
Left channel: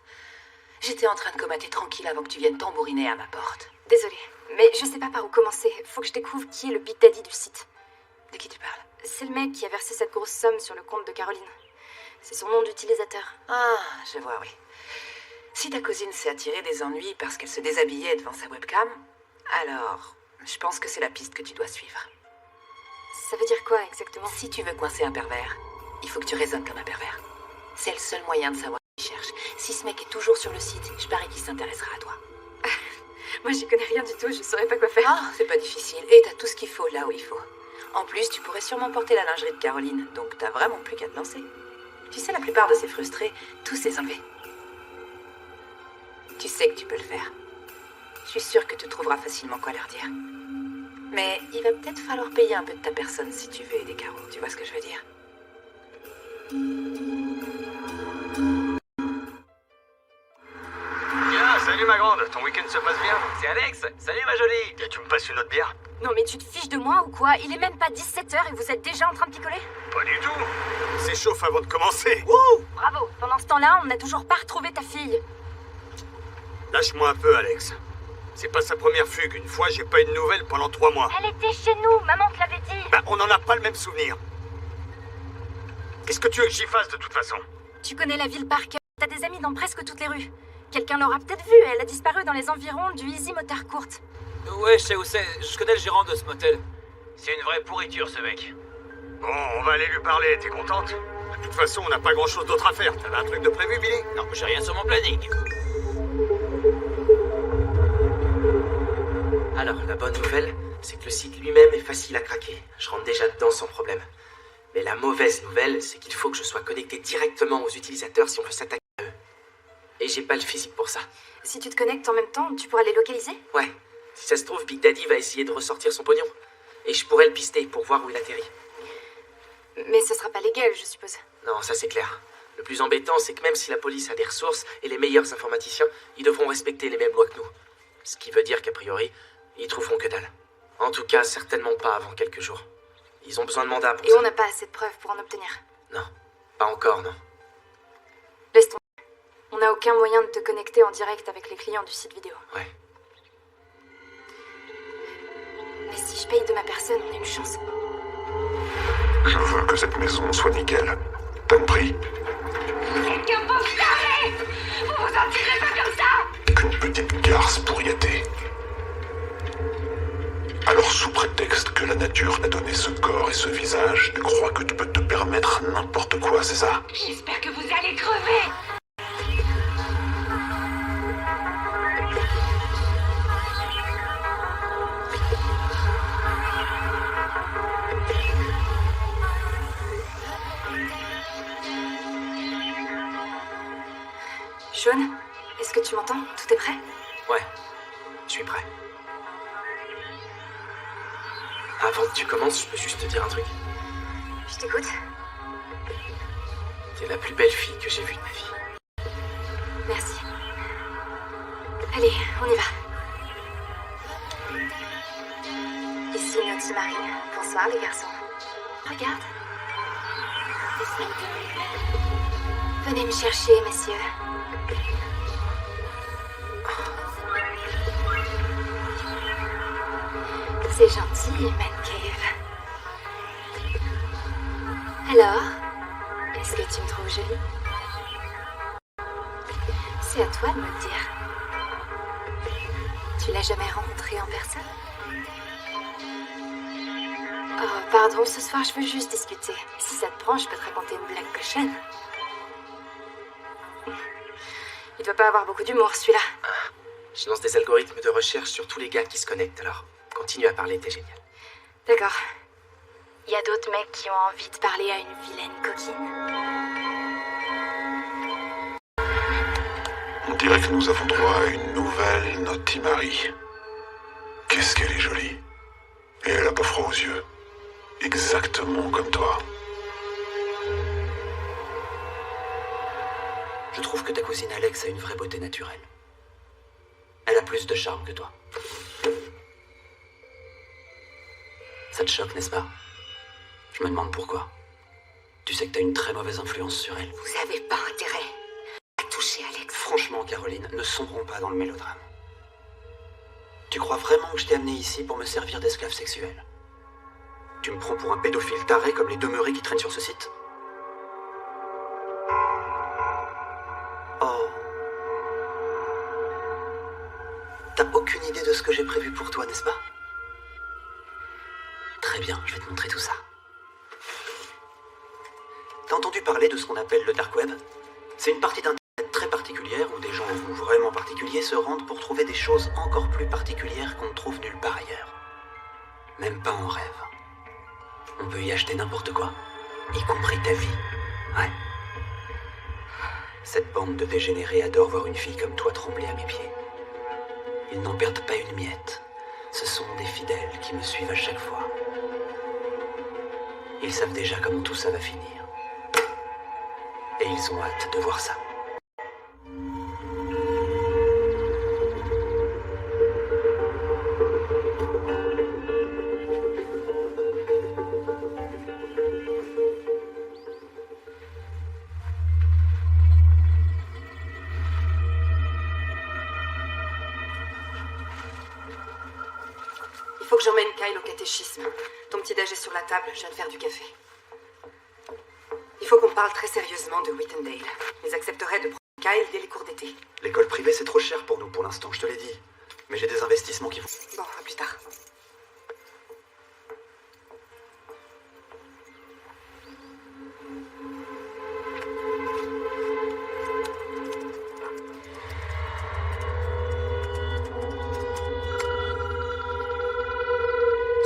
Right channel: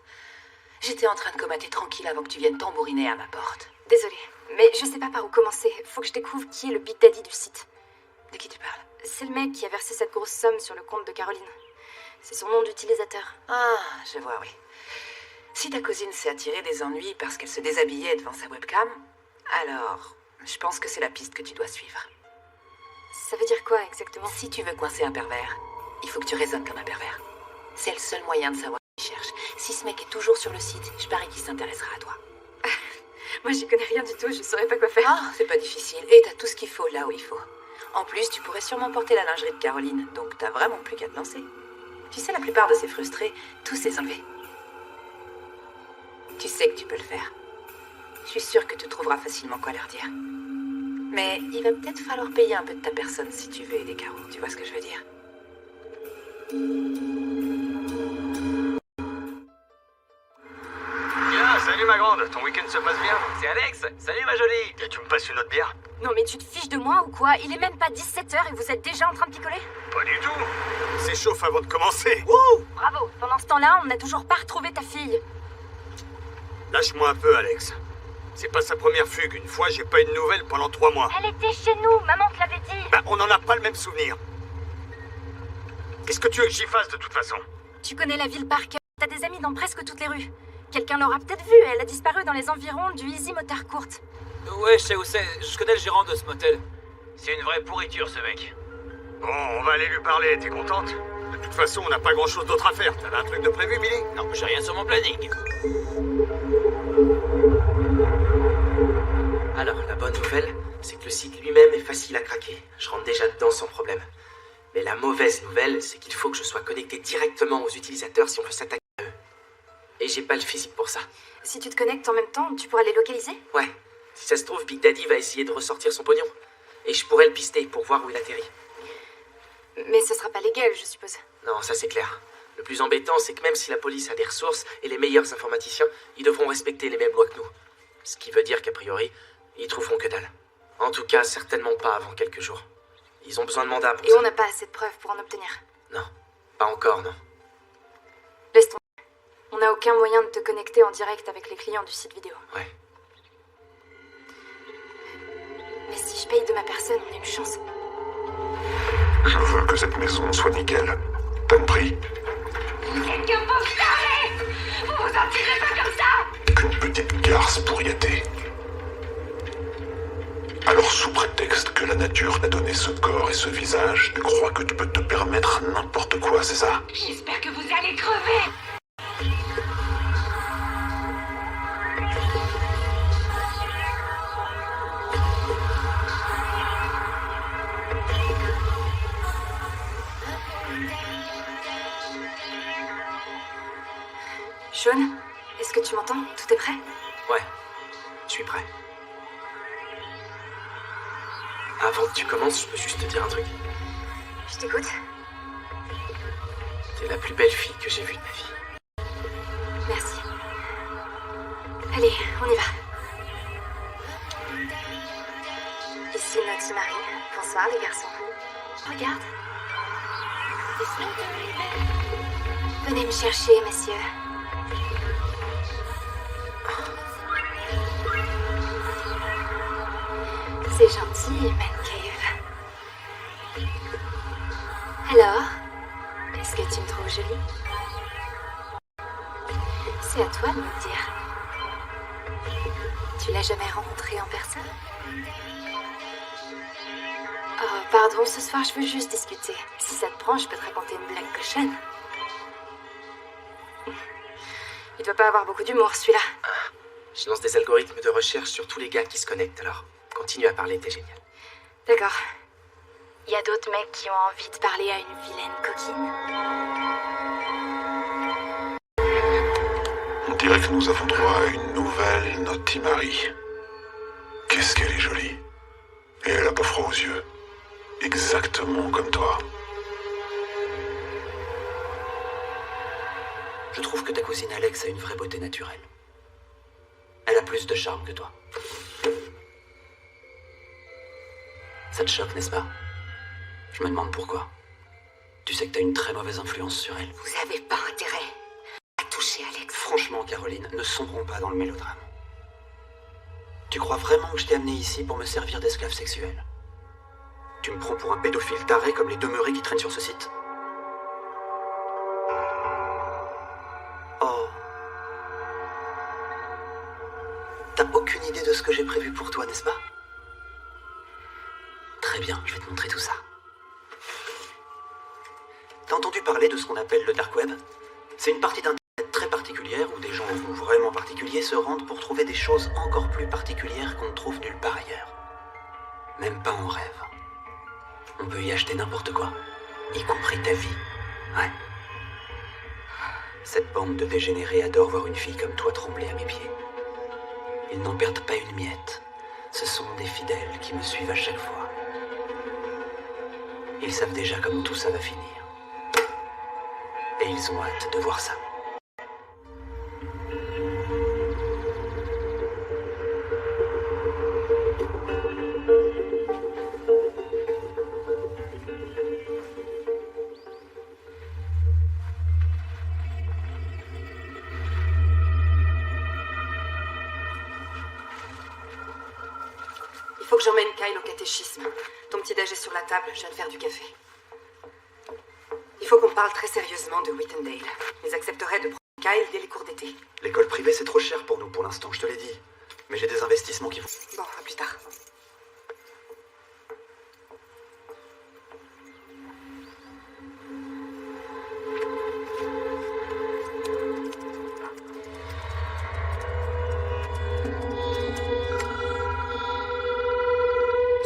J'étais en train de comater tranquille avant que tu viennes tambouriner à ma porte. Désolée, mais je sais pas par où commencer. Faut que je découvre qui est le Big Daddy du site. De qui tu parles? C'est le mec qui a versé cette grosse somme sur le compte de Caroline. C'est son nom d'utilisateur. Ah, je vois, oui. Si ta cousine s'est attirée des ennuis parce qu'elle se déshabillait devant sa webcam, alors je pense que c'est la piste que tu dois suivre. Ça veut dire quoi exactement? Si tu veux coincer un pervers, il faut que tu raisonnes comme un pervers. C'est le seul moyen de savoir qui cherche. Si ce mec est toujours sur le site, je parie qu'il s'intéressera à toi. Moi, j'y connais rien du tout, je saurais pas quoi faire. Ah, c'est pas difficile. Et t'as tout ce qu'il faut là où il faut. En plus, tu pourrais sûrement porter la lingerie de Caroline, donc t'as vraiment plus qu'à te lancer. Tu sais, la plupart de ces frustrés, tous les enlever. Tu sais que tu peux le faire. Je suis sûre que tu trouveras facilement quoi leur dire. Mais il va peut-être falloir payer un peu de ta personne si tu veux aider Caro. Tu vois ce que je veux dire? Bien, salut ma grande, ton week-end se passe bien? C'est Alex, salut ma jolie. Tu me passes une autre bière? Non mais tu te fiches de moi ou quoi? Il est même pas 17h et vous êtes déjà en train de picoler? Pas du tout. S'échauffe avant de commencer. Wouh! Bravo! Pendant ce temps-là, on n'a toujours pas retrouvé ta fille. Lâche-moi un peu, Alex. C'est pas sa première fugue. Une fois, j'ai pas eu de nouvelles pendant 3 mois. Elle était chez nous, maman te l'avait dit. Bah, on n'en a pas le même souvenir. Qu'est-ce que tu veux que j'y fasse de toute façon? Tu connais la ville par cœur. T'as des amis dans presque toutes les rues. Quelqu'un l'aura peut-être vue. Elle a disparu dans les environs du Easy Motard Court. Ouais, je sais où c'est. Je connais le gérant de ce motel. C'est une vraie pourriture, ce mec. Bon, on va aller lui parler. T'es contente? De toute façon, on n'a pas grand-chose d'autre à faire. T'avais un truc de prévu, Billy? Non, j'ai rien sur mon planning. Alors, la bonne nouvelle, c'est que le site lui-même est facile à craquer. Je rentre déjà dedans sans problème. Mais la mauvaise nouvelle, c'est qu'il faut que je sois connecté directement aux utilisateurs si on veut s'attaquer à eux. Et j'ai pas le physique pour ça. Si tu te connectes en même temps, tu pourras les localiser? Ouais. Si ça se trouve, Big Daddy va essayer de ressortir son pognon. Et je pourrais le pister pour voir où il atterrit. Mais ce sera pas légal, je suppose. Non, ça c'est clair. Le plus embêtant, c'est que même si la police a des ressources et les meilleurs informaticiens, ils devront respecter les mêmes lois que nous. Ce qui veut dire qu'a priori, ils trouveront que dalle. En tout cas, certainement pas avant quelques jours. Ils ont besoin de mandat pour ça. Et on n'a pas assez de preuves pour en obtenir. Non, pas encore, non. Laisse tomber. On n'a aucun moyen de te connecter en direct avec les clients du site vidéo. Ouais. Mais si je paye de ma personne, on a une chance. Je veux que cette maison soit nickel. T'as compris? Quelqu'un peut vous carrer! Vous vous en tirez pas comme ça! Qu'une petite garce pour y être. Alors, sous prétexte que la nature t'a donné ce corps et ce visage, tu crois que tu peux te permettre n'importe quoi, c'est ça? J'espère que vous allez crever! Sean, est-ce que tu m'entends? Tout est prêt? Ouais, je suis prêt. Avant que tu commences, je peux juste te dire un truc. Je t'écoute. T'es la plus belle fille que j'ai vue de ma vie. Merci. Allez, on y va. Ici Naughty Marie. Bonsoir les garçons. Regarde. Venez me chercher, messieurs. C'est gentil, Man Cave. Alors, est-ce que tu me trouves jolie? C'est à toi de me le dire. Tu l'as jamais rencontrée en personne? Oh, pardon, ce soir je veux juste discuter. Si ça te prend, je peux te raconter une blague cochonne. Il doit pas avoir beaucoup d'humour, celui-là. Je lance des algorithmes de recherche sur tous les gars qui se connectent, alors continue à parler, t'es génial. D'accord. Il y a d'autres mecs qui ont envie de parler à une vilaine coquine? On dirait que nous avons droit à une nouvelle Naughty Marie. Qu'est-ce qu'elle est jolie. Et elle a pas froid aux yeux. Exactement comme toi. Je trouve que ta cousine Alex a une vraie beauté naturelle. Elle a plus de charme que toi. Ça te choque, n'est-ce pas? Je me demande pourquoi. Tu sais que t'as une très mauvaise influence sur elle. Vous avez pas intérêt à toucher Alex. Franchement, Caroline, ne sombrons pas dans le mélodrame. Tu crois vraiment que je t'ai amené ici pour me servir d'esclave sexuel? Tu me prends pour un pédophile taré comme les demeurés qui traînent sur ce site? Oh. T'as aucune idée de ce que j'ai prévu pour toi, n'est-ce pas? Très bien, je vais te montrer tout ça. T'as entendu parler de ce qu'on appelle le dark web? C'est une partie d'internet très particulière où des gens vraiment particuliers se rendent pour trouver des choses encore plus particulières qu'on ne trouve nulle part ailleurs. Même pas en rêve. On peut y acheter n'importe quoi, y compris ta vie. Ouais. Cette bande de dégénérés adore voir une fille comme toi trembler à mes pieds. Ils n'en perdent pas une miette. Ce sont des fidèles qui me suivent à chaque fois. Ils savent déjà comment tout ça va finir. Et ils ont hâte de voir ça. Il faut que j'emmène Kyle au catéchisme. Ton petit déj est sur la table, je viens de faire du café. Il faut qu'on parle très sérieusement de Whitendale. Ils accepteraient de prendre Kyle dès les cours d'été. L'école privée, c'est trop cher pour nous pour l'instant, je te l'ai dit. Mais j'ai des investissements qui vont... Bon, à plus tard.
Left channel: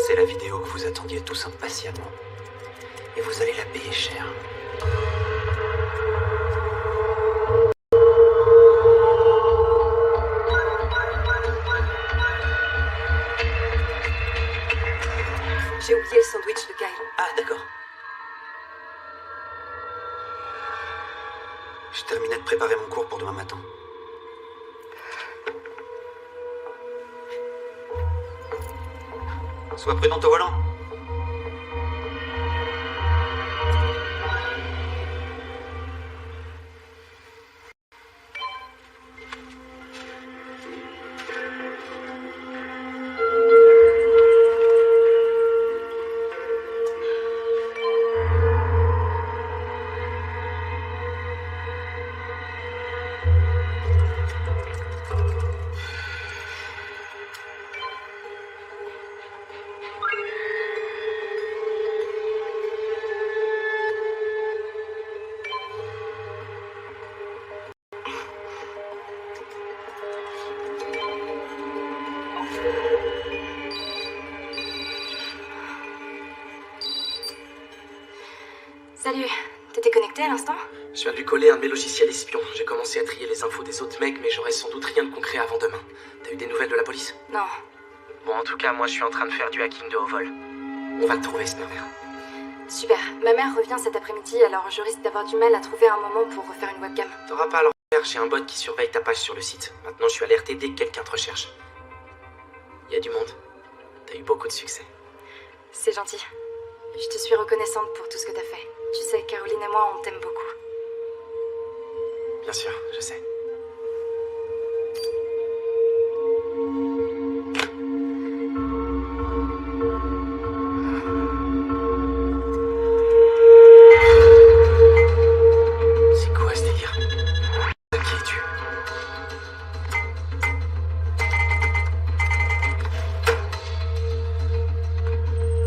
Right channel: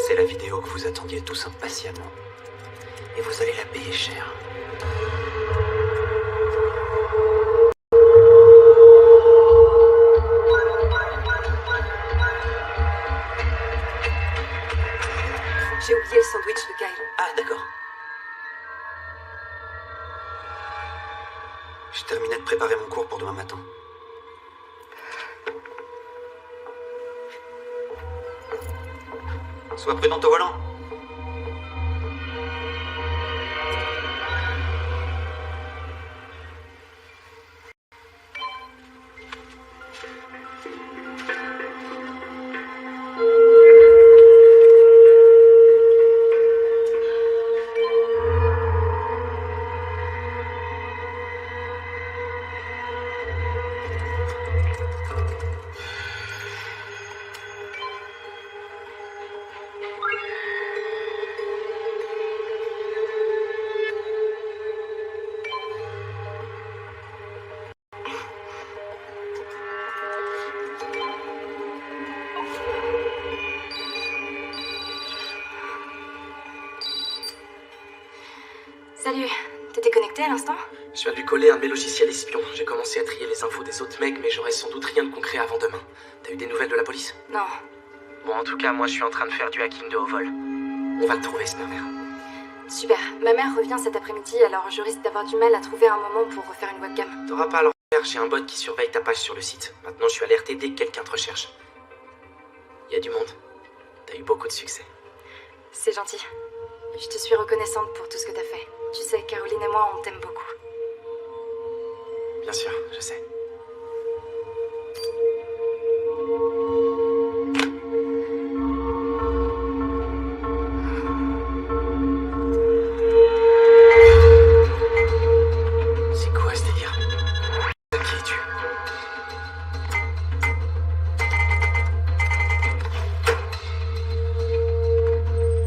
C'est la vidéo que vous attendiez tous impatiemment. Et vous allez la payer cher. J'ai oublié le sandwich de Kyle. Ah, d'accord. J'ai terminé de préparer mon cours pour demain matin. Sois prudente au volant. Salut, t'étais connecté à l'instant? Je viens de lui coller un de mes logiciels espions. J'ai commencé à trier les infos des autres mecs, mais j'aurai sans doute rien de concret avant demain. T'as eu des nouvelles de la police? Non. Bon, en tout cas, moi, je suis en train de faire du hacking de haut vol. On va le trouver, ce pervers. Super. Ma mère revient cet après-midi, alors je risque d'avoir du mal à trouver un moment pour refaire une webcam. T'auras pas à le refaire, j'ai un bot qui surveille ta page sur le site. Maintenant, je suis alerté dès que quelqu'un te recherche. Il y a du monde. T'as eu beaucoup de succès. C'est gentil. Je te suis reconnaissante pour tout ce que t'as fait. Tu sais, Caroline et moi, on t'aime beaucoup. Bien sûr, je sais. C'est quoi ce délire? Qui es-tu?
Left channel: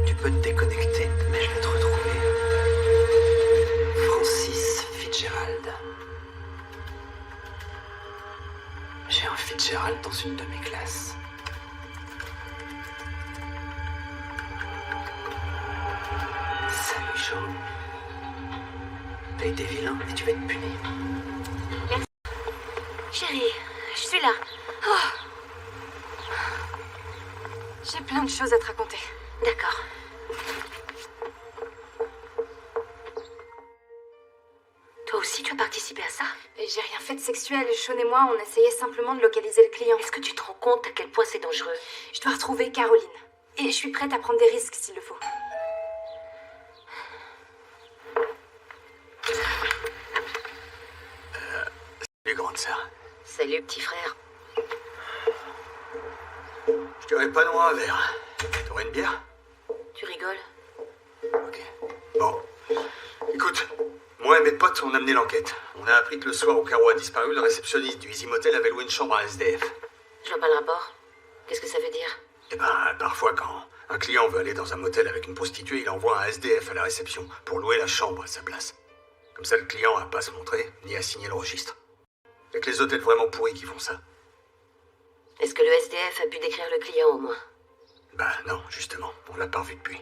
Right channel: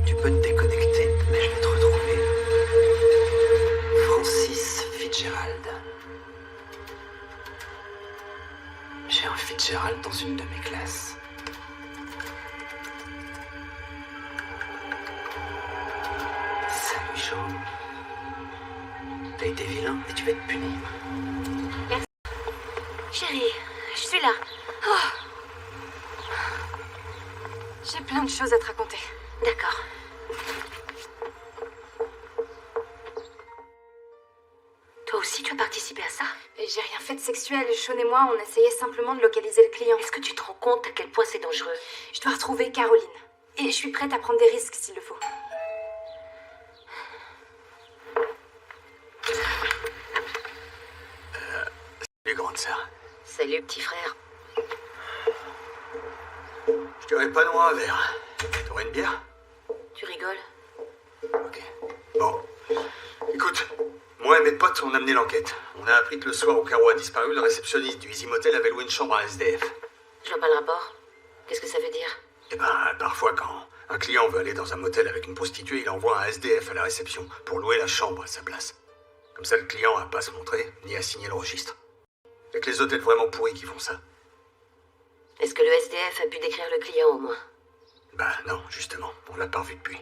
Tu peux te déconnecter, mais je vais te retrouver. Francis Fitzgerald. J'ai un Fitzgerald dans une de mes classes. Salut, Sean. T'as été vilain et tu vas être puni. Merci. Chérie, je suis là. Oh. J'ai plein de choses à te raconter. D'accord. Toi aussi, tu as participé à ça? ça? Et j'ai rien fait de sexuel. Sean et moi, on essayait simplement de localiser le client. Est-ce que tu te rends compte à quel point c'est dangereux? Je dois retrouver Caroline. Et je suis prête à prendre des risques s'il le faut. Salut, grande sœur. Salut, petit frère. Je dirais pas non à un verre. T'aurais une bière? Tu rigoles? Ok. Bon. Écoute, moi et mes potes, on a mené l'enquête. On a appris que le soir où Caro a disparu, le réceptionniste du Easy Motel avait loué une chambre à SDF. Je vois pas le rapport. Qu'est-ce que ça veut dire? Eh ben, parfois, quand un client veut aller dans un motel avec une prostituée, il envoie un SDF à la réception pour louer la chambre à sa place. Comme ça, le client n'a pas à se montrer, ni à signer le registre. Y'a que les hôtels vraiment pourris qui font ça. Est-ce que le SDF a pu décrire le client au moins? Bah non, justement, on l'a pas revu depuis.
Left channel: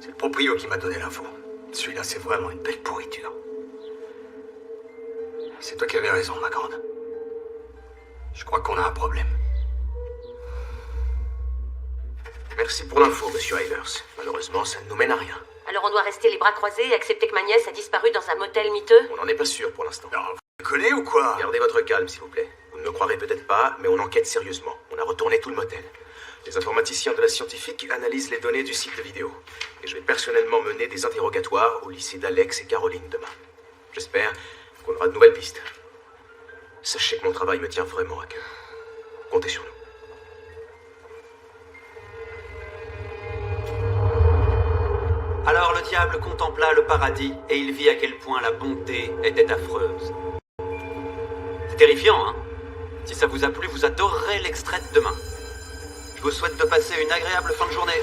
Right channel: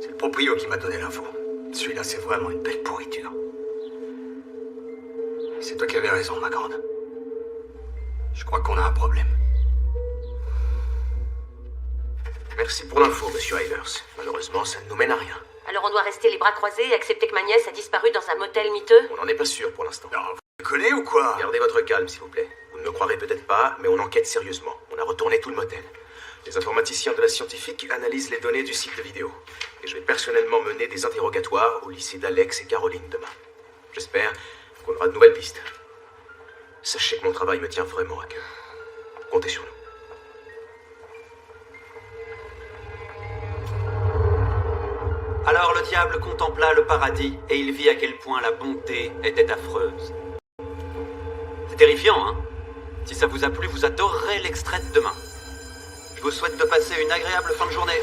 C'est le proprio qui m'a donné l'info. Celui-là, c'est vraiment une belle pourriture. C'est toi qui avais raison, ma grande. Je crois qu'on a un problème. Merci pour l'info, monsieur Eilers. Malheureusement, ça ne nous mène à rien. Alors on doit rester les bras croisés et accepter que ma nièce a disparu dans un motel miteux? On n'en est pas sûr pour l'instant. Non, vous déconnez ou quoi? Gardez votre calme, s'il vous plaît. Vous ne me croirez peut-être pas, mais on enquête sérieusement. On a retourné tout le motel. Les informaticiens de la scientifique analysent les données du site de vidéo. Et je vais personnellement mener des interrogatoires au lycée d'Alex et Caroline demain. J'espère qu'on aura de nouvelles pistes. Sachez que mon travail me tient vraiment à cœur. Comptez sur nous. Alors le diable contempla le paradis et il vit à quel point la bonté était affreuse. C'est terrifiant, hein? Si ça vous a plu, vous adorerez l'extrait de demain. Je vous souhaite de passer une agréable fin de journée.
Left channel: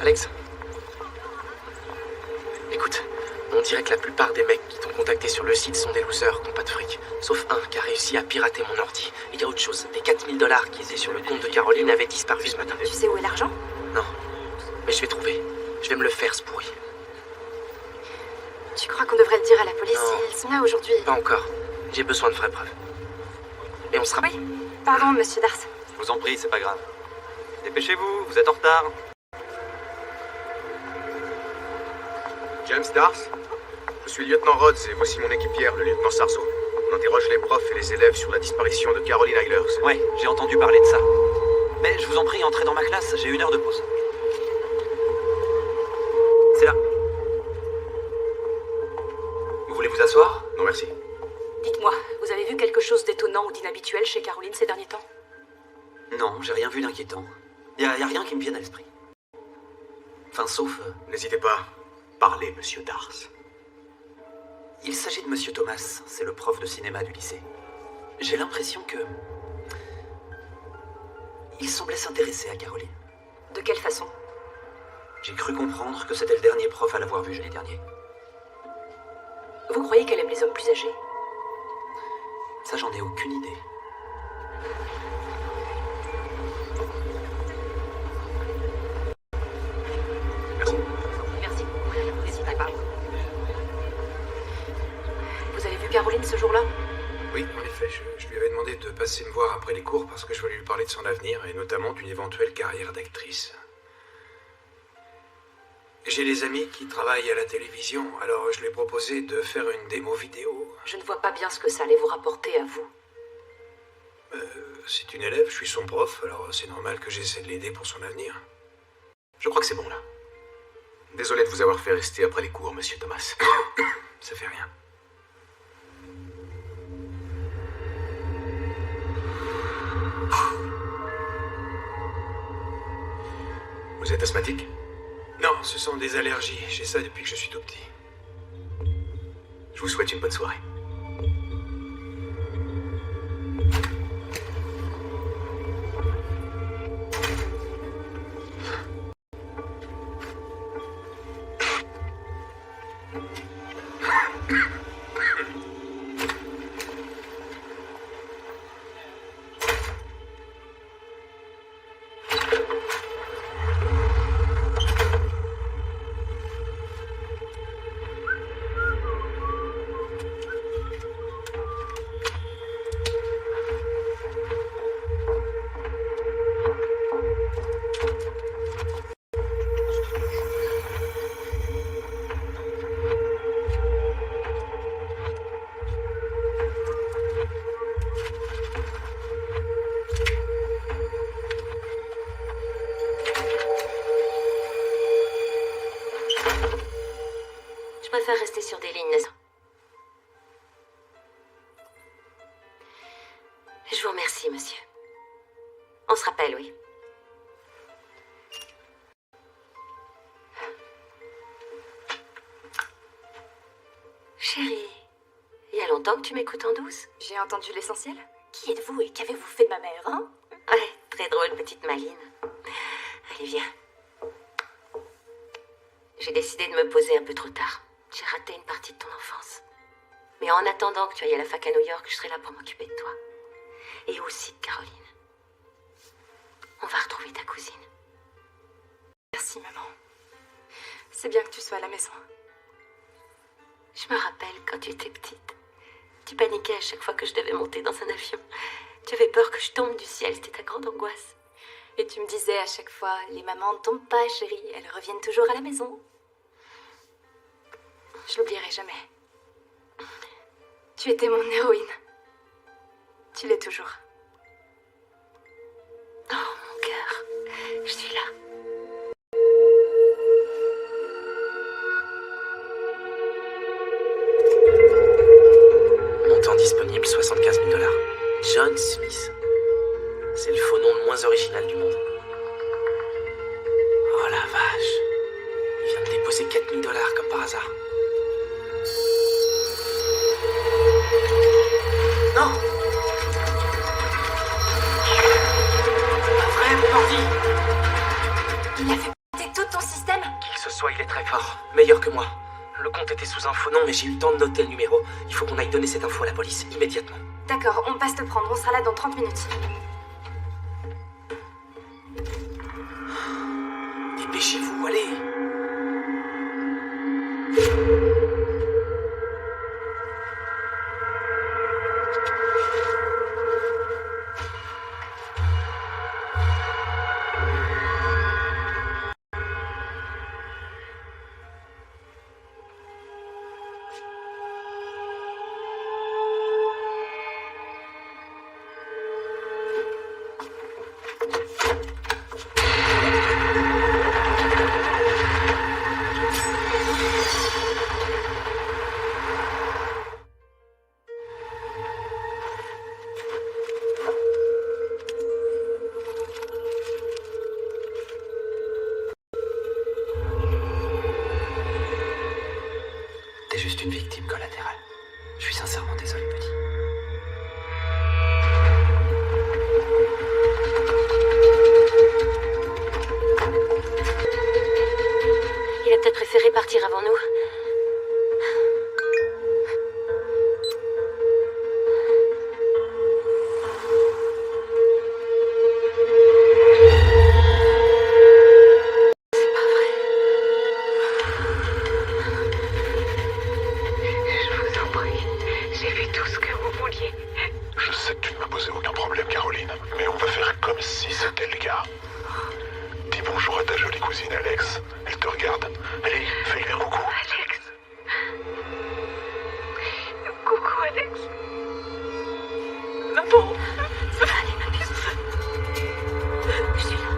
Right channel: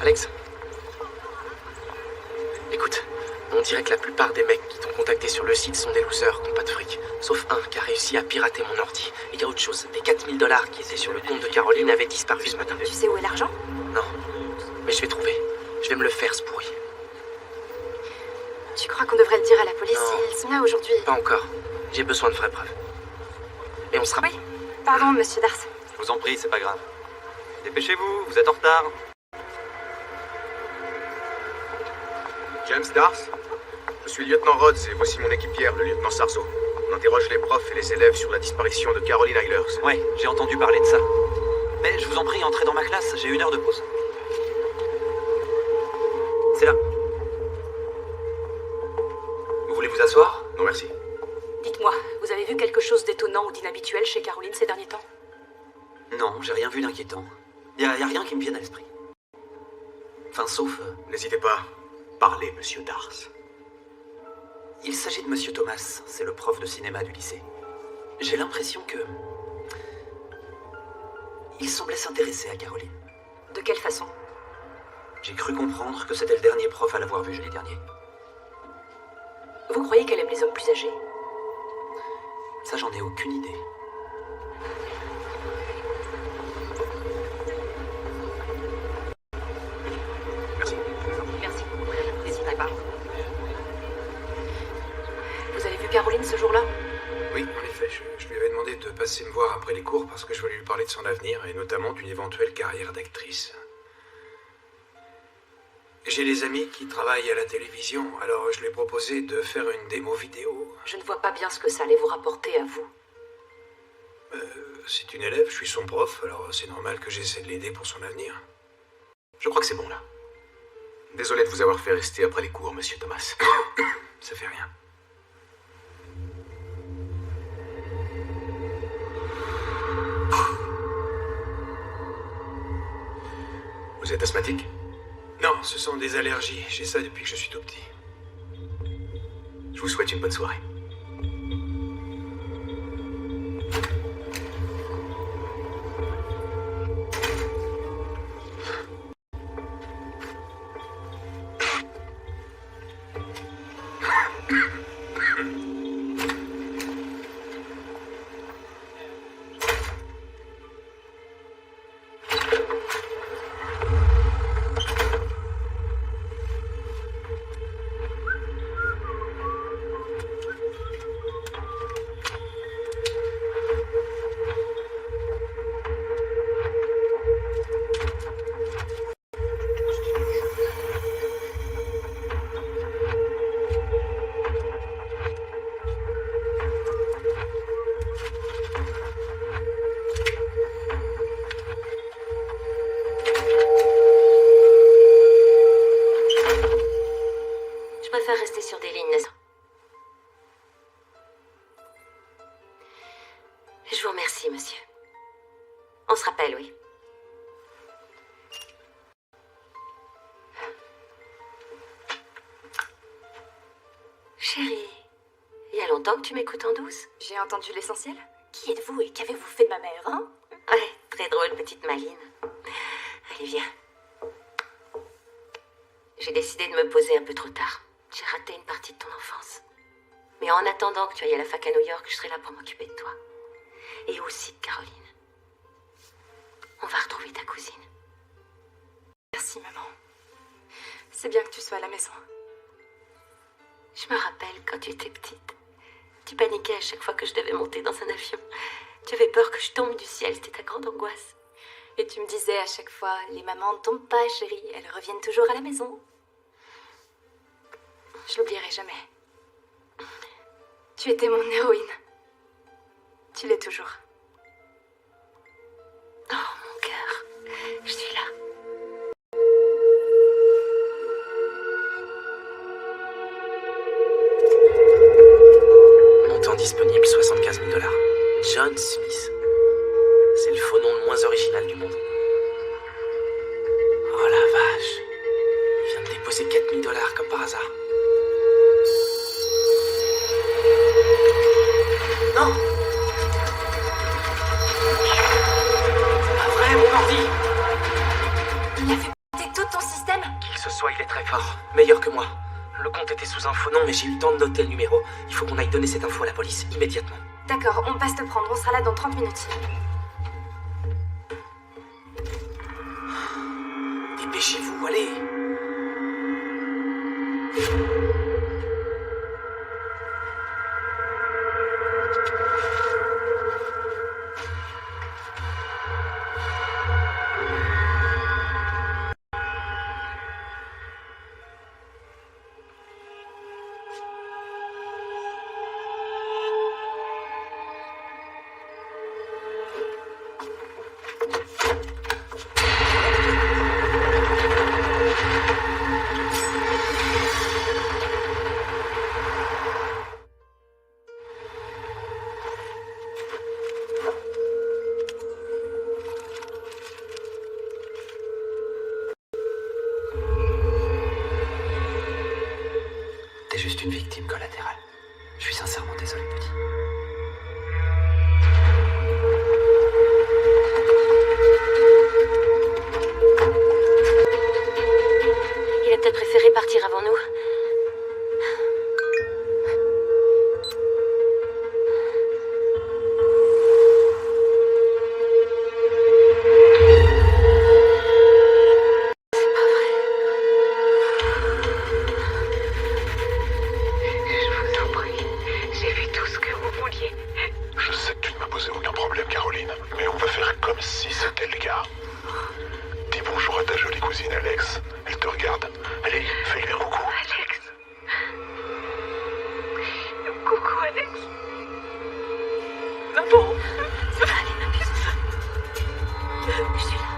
Alex? Écoute, on dirait que la plupart des mecs qui t'ont contacté sur le site sont des losers qui n'ont pas de fric. Sauf un qui a réussi à pirater mon ordi. Et il y a autre chose, les 4000 $ qui étaient sur le compte de Caroline avaient disparu ce matin. Tu sais où est l'argent? Non, mais je vais trouver. Je vais me le faire, ce pourri. Tu crois qu'on devrait le dire à la police? Non. Ils sont là aujourd'hui. Pas encore. J'ai besoin de vraies preuves. Et on sera... Oui, pardon, monsieur Dars. Je vous en prie, c'est pas grave. Dépêchez-vous, vous êtes en retard. James Dars? Je suis lieutenant Rhodes et voici mon équipière, le lieutenant Sarzo. On interroge les profs et les élèves sur la disparition de Caroline Eilers. Ouais, j'ai entendu parler de ça. Mais je vous en prie, entrez dans ma classe, j'ai 1 heure de pause. C'est là. Vous voulez vous asseoir? Non, merci. Dites-moi, vous avez vu quelque chose d'étonnant ou d'inhabituel chez Caroline ces derniers temps? Non, j'ai rien vu d'inquiétant. Y a rien qui me vienne à l'esprit. Enfin, sauf... N'hésitez pas. Parlez, monsieur Dars. Il s'agit de monsieur Thomas, c'est le prof de cinéma du lycée. J'ai l'impression que... il semblait s'intéresser à Caroline. De quelle façon? J'ai cru comprendre que c'était le dernier prof à l'avoir vue jeudi dernier. Vous croyez qu'elle aime les hommes plus âgés? Ça, j'en ai aucune idée. Merci. Merci beaucoup, n'hésitez pas. Vous avez vu Caroline ce jour-là? Oui, en effet, je lui avais demandé de passer me voir après les cours parce que je voulais lui parler de son avenir et notamment d'une éventuelle carrière d'actrice. J'ai des amis qui travaillent à la télévision, alors je lui ai proposé de faire une démo vidéo. Je ne vois pas bien ce que ça allait vous rapporter à vous. C'est une élève, je suis son prof, alors c'est normal que j'essaie de l'aider pour son avenir. Je crois que c'est bon, là. Désolé de vous avoir fait rester après les cours, monsieur Thomas. Ça fait rien. Vous êtes asthmatique? Non, ce sont des allergies. J'ai ça depuis que je suis tout petit. Je vous souhaite une bonne soirée. préfère rester sur des lignes, n'est-ce pas? Je vous remercie, monsieur. On se rappelle, oui. Chérie, il y a longtemps que tu m'écoutes en douce? J'ai entendu l'essentiel. Qui êtes-vous et qu'avez-vous fait de ma mère, hein? Ouais, très drôle, petite Maline. Allez, viens. J'ai décidé de me poser un peu trop tard. J'ai raté une partie de ton enfance. Mais en attendant que tu ailles à la fac à New York, je serai là pour m'occuper de toi. Et aussi de Caroline. On va retrouver ta cousine. Merci, maman. C'est bien que tu sois à la maison. Je me rappelle quand tu étais petite. Tu paniquais à chaque fois que je devais monter dans un avion. Tu avais peur que je tombe du ciel, c'était ta grande angoisse. Et tu me disais à chaque fois, les mamans ne tombent pas, chérie, elles reviennent toujours à la maison. Je l'oublierai jamais. Tu étais mon héroïne. Tu l'es toujours. Oh, mon cœur, je suis là. Montant disponible, 75 000 $. John Smith. C'est le faux nom le moins original du monde. Oh la vache. Il vient de déposer 4 000 $ comme par hasard. Non! Pas vrai, mon ordi! Il a fait péter tout ton système? Qui que ce soit, il est très fort. Meilleur que moi. Le compte était sous un faux nom, mais j'ai eu le temps de noter le numéro. Il faut qu'on aille donner cette info à la police, immédiatement. D'accord, on passe te prendre, on sera là dans 30 minutes. Dépêchez-vous, allez! T'es juste une victime collatérale. Je suis sincèrement désolé, petit. Il a peut-être préféré partir avant nous. Je sais que tu ne m'as posé aucun problème, Caroline, mais on va faire comme si c'était le cas. Dis bonjour à ta jolie cousine Alex. Elle te regarde. Allez, fais-lui un coucou. Alex. Coucou, Alex. Maman. Allez, ma petite. Je suis là.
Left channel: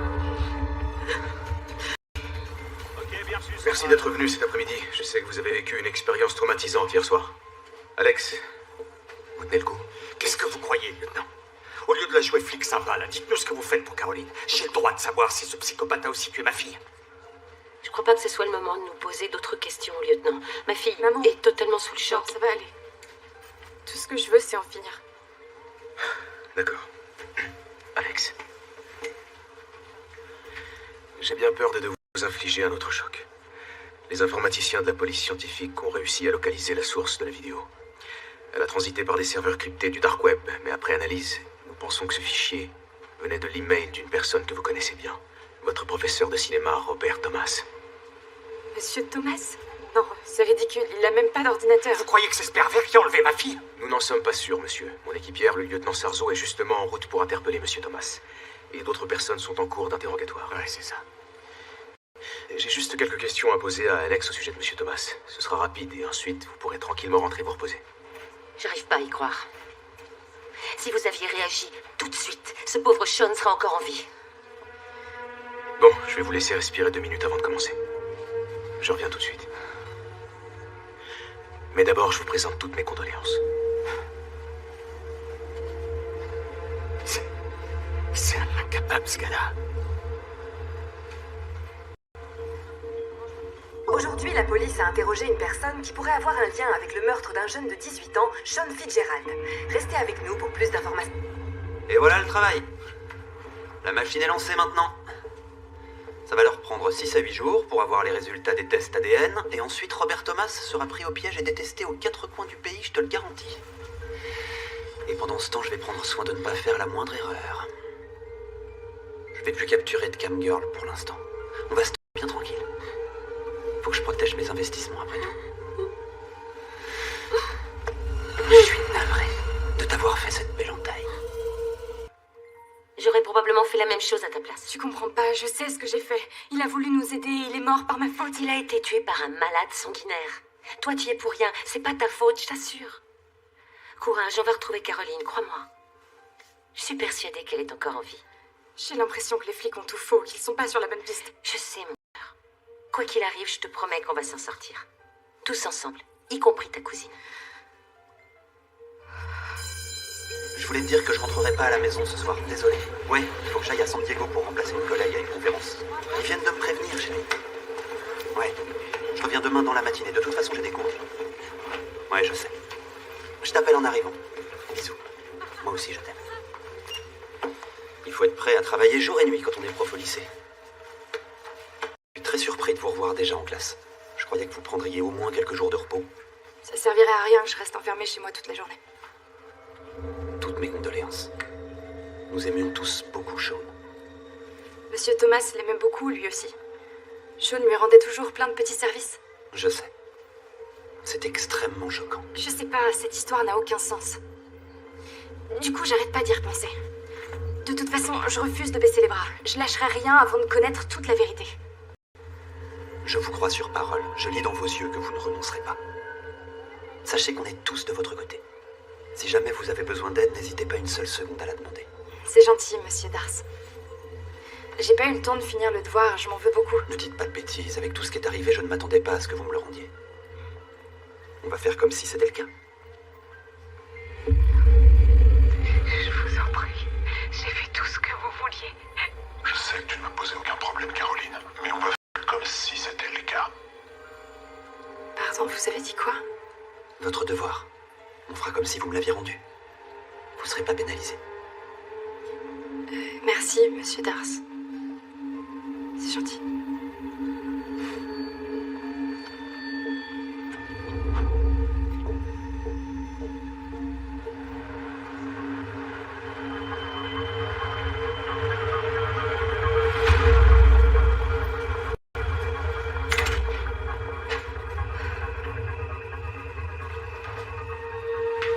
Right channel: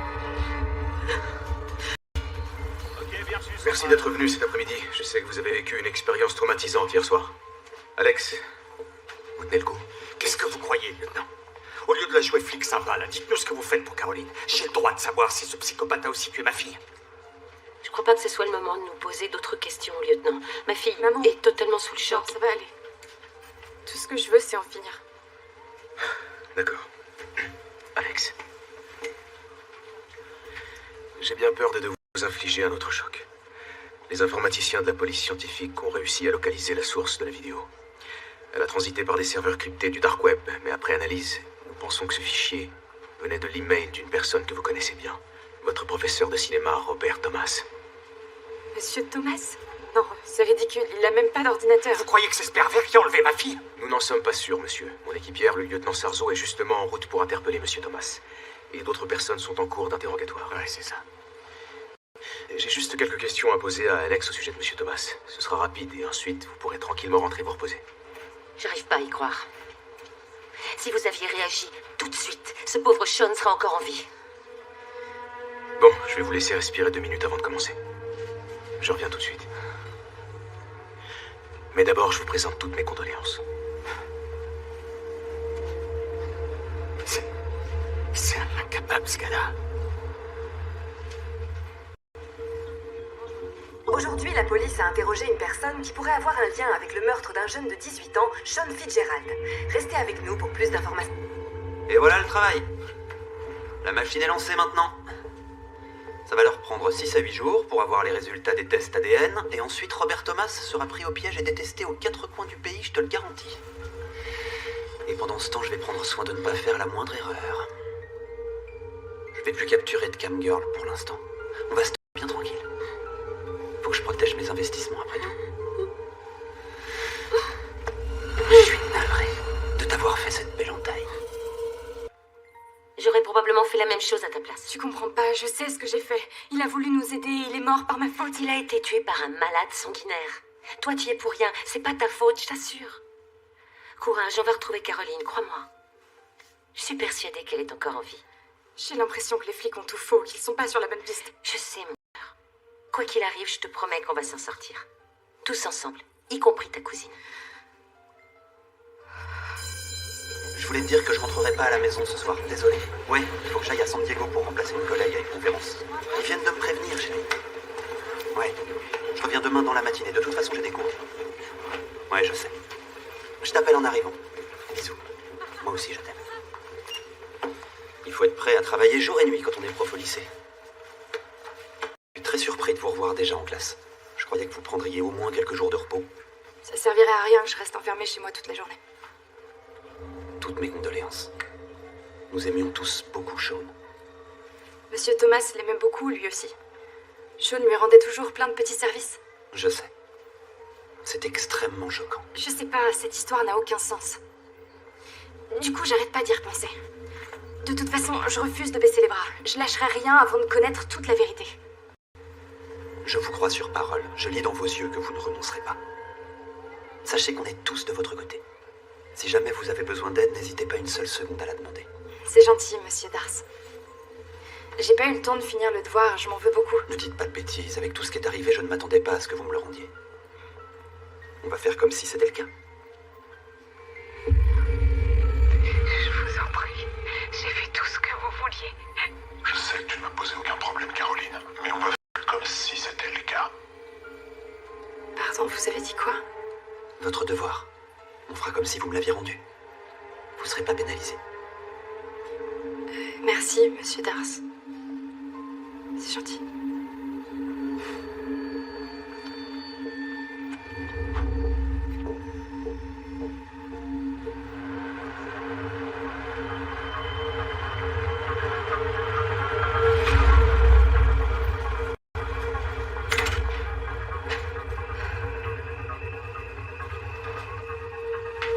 Merci d'être venu cet après-midi. Je sais que vous avez vécu une expérience traumatisante hier soir. Alex, vous tenez le coup. Qu'est-ce que vous croyez, lieutenant? Au lieu de la jouer flic sympa, là, dites-nous ce que vous faites pour Caroline. J'ai le droit de savoir si ce psychopathe a aussi tué ma fille. Je crois pas que ce soit le moment de nous poser d'autres questions, lieutenant. Ma fille Maman. est totalement sous le choc. Non, ça va aller. Tout ce que je veux, c'est en finir. D'accord. Alex. J'ai bien peur de vous infliger un autre choc. Les informaticiens de la police scientifique ont réussi à localiser la source de la vidéo. Elle a transité par des serveurs cryptés du Dark Web, mais après analyse, nous pensons que ce fichier venait de l'email d'une personne que vous connaissez bien. Votre professeur de cinéma, Robert Thomas. Monsieur Thomas? Non, c'est ridicule, il a même pas d'ordinateur. Vous croyez que c'est ce pervers qui a enlevé ma fille? Nous n'en sommes pas sûrs, monsieur. Mon équipière, le lieutenant Sarzo, est justement en route pour interpeller monsieur Thomas. Et d'autres personnes sont en cours d'interrogatoire. Ouais, c'est ça. J'ai juste quelques questions à poser à Alex au sujet de monsieur Thomas. Ce sera rapide et ensuite vous pourrez tranquillement rentrer vous reposer. J'arrive pas à y croire. Si vous aviez réagi tout de suite, ce pauvre Sean serait encore en vie. Bon, je vais vous laisser respirer 2 minutes avant de commencer. Je reviens tout de suite. Mais d'abord, je vous présente toutes mes condoléances. C'est un incapable, ce gars-là. Aujourd'hui, la police a interrogé une personne qui pourrait avoir un lien avec le meurtre d'un jeune de 18 ans, Sean Fitzgerald. Restez avec nous pour plus d'informations. Et voilà le travail. La machine est lancée maintenant. Ça va leur prendre 6 à 8 jours pour avoir les résultats des tests ADN, et ensuite Robert Thomas sera pris au piège et détesté aux 4 coins du pays, je te le garantis. Et pendant ce temps, je vais prendre soin de ne pas faire la moindre erreur. Je vais plus capturer de camgirl pour l'instant. On va se tenir bien tranquille. Faut que je protège mes investissements après tout. Je suis navré de t'avoir fait cette belle entaille. J'aurais probablement fait la même chose à ta place. Tu comprends pas, je sais ce que j'ai fait. Il a voulu nous aider, il est mort par ma faute. Il a été tué par un malade sanguinaire. Toi, tu y es pour rien. C'est pas ta faute, je t'assure. Courage, on va retrouver Caroline, crois-moi. Je suis persuadée qu'elle est encore en vie. J'ai l'impression que les flics ont tout faux, qu'ils sont pas sur la bonne piste. Je sais, mon cœur. Quoi qu'il arrive, je te promets qu'on va s'en sortir. Tous ensemble, y compris ta cousine. Je voulais te dire que je rentrerai pas à la maison ce soir, désolé. Ouais, il faut que j'aille à San Diego pour remplacer une collègue à une conférence. Ils viennent de me prévenir, chérie. Ouais, je reviens demain dans la matinée. De toute façon, j'ai des cours. Ouais, je sais. Je t'appelle en arrivant. Bisous. Moi aussi, je t'aime. Il faut être prêt à travailler jour et nuit quand on est prof au lycée. Je suis très surpris de vous revoir déjà en classe. Je croyais que vous prendriez au moins quelques jours de repos. Ça servirait à rien que je reste enfermée chez moi toute la journée. Toutes mes condoléances. Nous aimions tous beaucoup Sean. Monsieur Thomas l'aimait beaucoup, lui aussi. Sean lui rendait toujours plein de petits services. Je sais. C'est extrêmement choquant. Je sais pas, cette histoire n'a aucun sens. Du coup, j'arrête pas d'y repenser. De toute façon, je refuse de baisser les bras. Je lâcherai rien avant de connaître toute la vérité. Je vous crois sur parole. Je lis dans vos yeux que vous ne renoncerez pas. Sachez qu'on est tous de votre côté. Si jamais vous avez besoin d'aide, n'hésitez pas une seule seconde à la demander. C'est gentil, monsieur Dars. J'ai pas eu le temps de finir le devoir, je m'en veux beaucoup. Ne dites pas de bêtises. Avec tout ce qui est arrivé, je ne m'attendais pas à ce que vous me le rendiez. On va faire comme si c'était le cas. Je vous en prie. J'ai fait tout ce que vous vouliez. Je sais que tu ne m'as posé aucun problème, Caroline, mais on va faire comme si c'était le cas. Pardon, vous avez dit quoi? Votre devoir. On fera comme si vous me l'aviez rendu. Vous ne serez pas pénalisé. Merci, monsieur Dars. C'est gentil.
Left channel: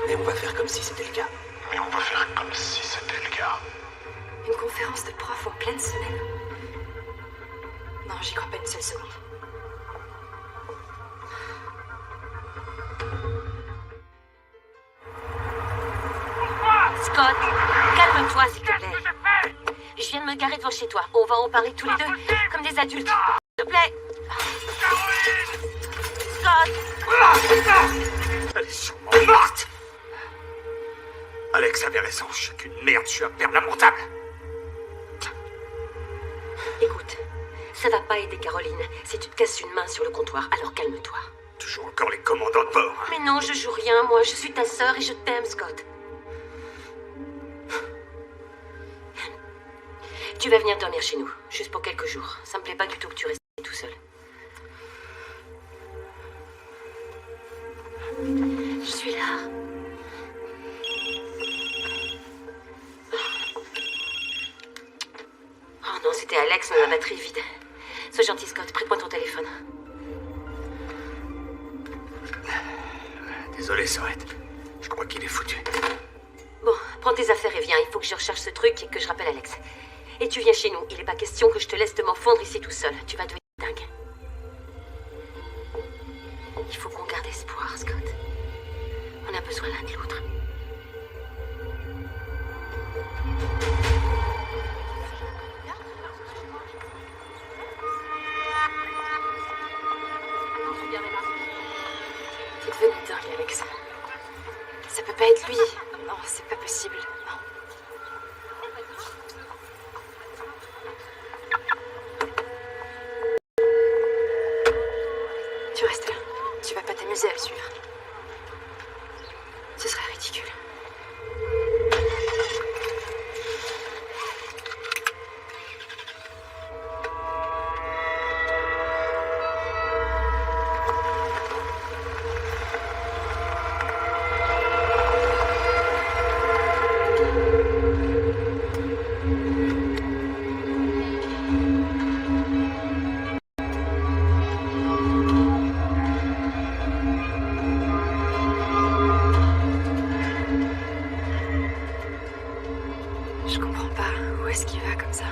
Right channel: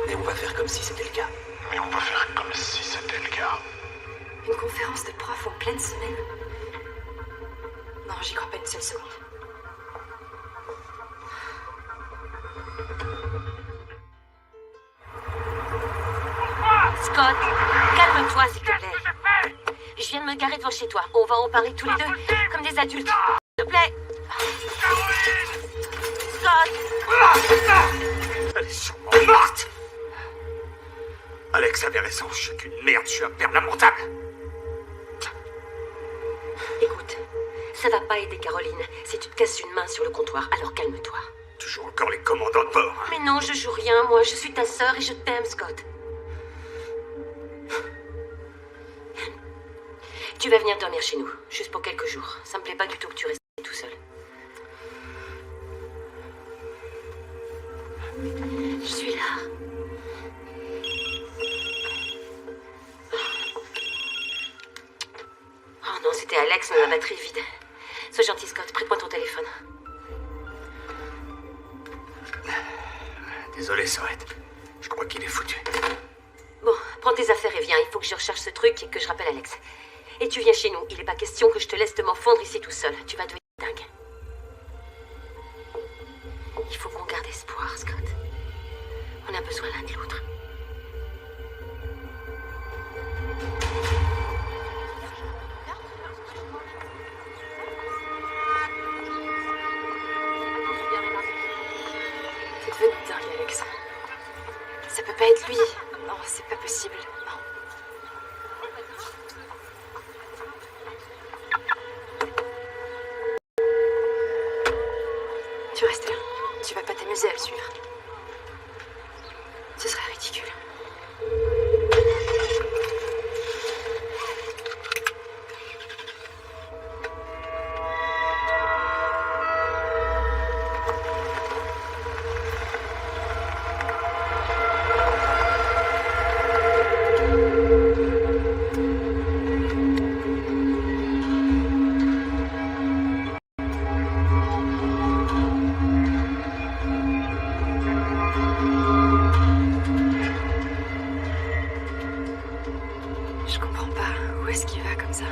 Mais on va faire comme si c'était le cas. Mais on va faire comme si c'était le cas. Une conférence de prof en pleine semaine? Non, j'y crois pas une seule seconde. Scott, calme-toi, s'il te plaît. Je viens de me garer devant chez toi. On va en parler tous les deux, comme des adultes. S'il te plaît. Scott! Elle est sûrement morte. Alex avait raison, je suis qu'une merde, je suis un père lamentable. Écoute, ça va pas aider Caroline si tu te casses une main sur le comptoir, alors calme-toi. Toujours encore les commandants de bord. Mais non, je joue rien, moi, je suis ta sœur et je t'aime, Scott. Tu vas venir dormir chez nous, juste pour quelques jours. Ça me plaît pas du tout que tu restes tout seul. Je suis là. Oh non, c'était Alex, mais la batterie est vide. Sois gentil, Scott, prête-moi ton téléphone. Désolé, Sorette. Je crois qu'il est foutu. Bon, prends tes affaires et viens. Il faut que je recherche ce truc et que je rappelle Alex. Et tu viens chez nous. Il n'est pas question que je te laisse te morfondre ici tout seul. Tu vas devenir dingue. Il faut qu'on garde espoir, Scott. On a besoin l'un de l'autre. devenu dingue, Alex. Ça peut pas être lui. Non, c'est pas possible. Non. Tu restes là. Tu vas pas t'amuser à le suivre. Ce serait ridicule. Je comprends pas. Où est-ce qu'il va comme ça?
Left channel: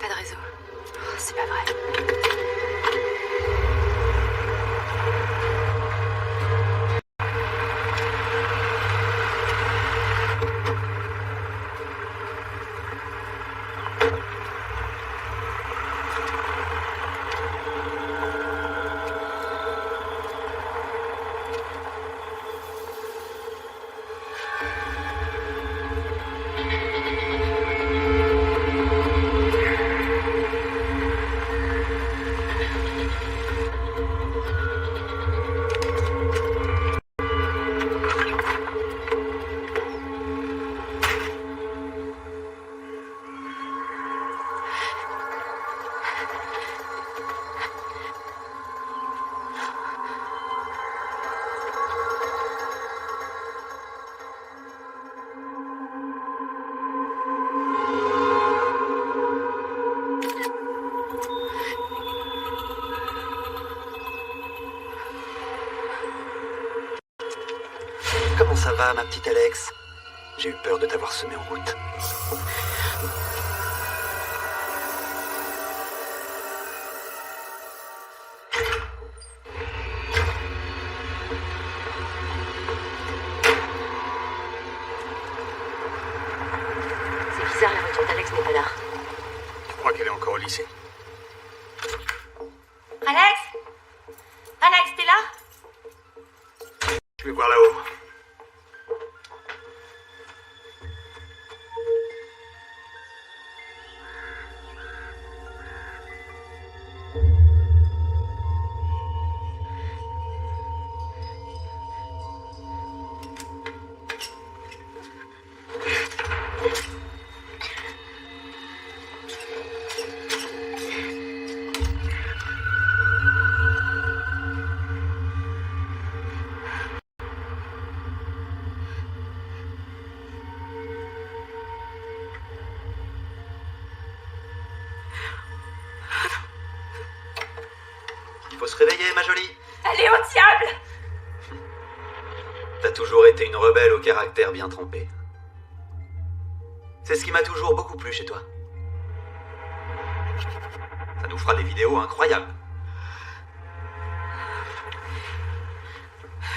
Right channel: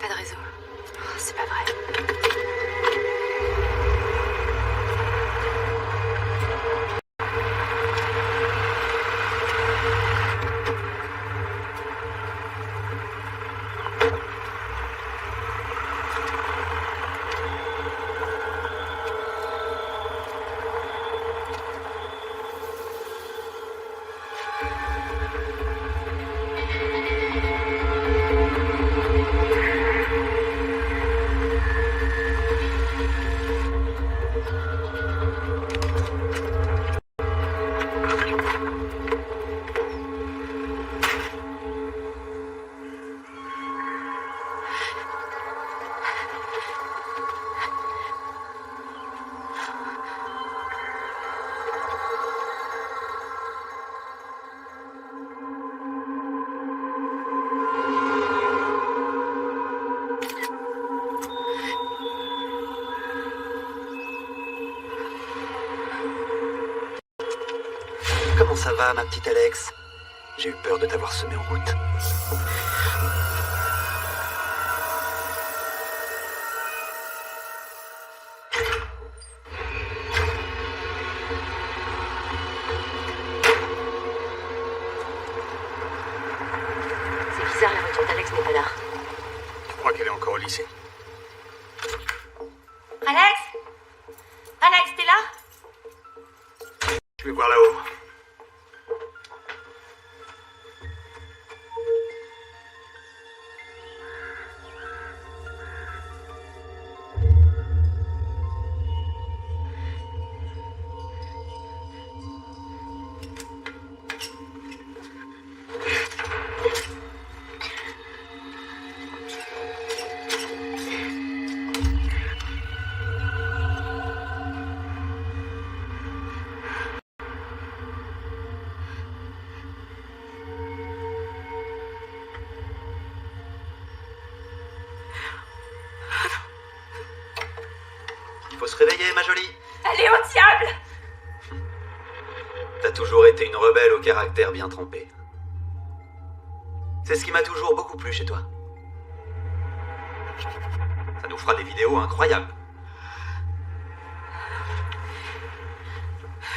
Pas de réseau. Oh, c'est pas vrai. Comment ça va, ma petite Alex? J'ai eu peur de t'avoir semé en route. C'est bizarre, la voiture d'Alex n'est pas là. Tu crois qu'elle est encore au lycée? Alex? Alex, t'es là? Je vais voir là-haut. Il faut se réveiller, ma jolie. Allez au diable! T'as toujours été une rebelle au caractère bien trempé. C'est ce qui m'a toujours beaucoup plu chez toi. Ça nous fera des vidéos incroyables.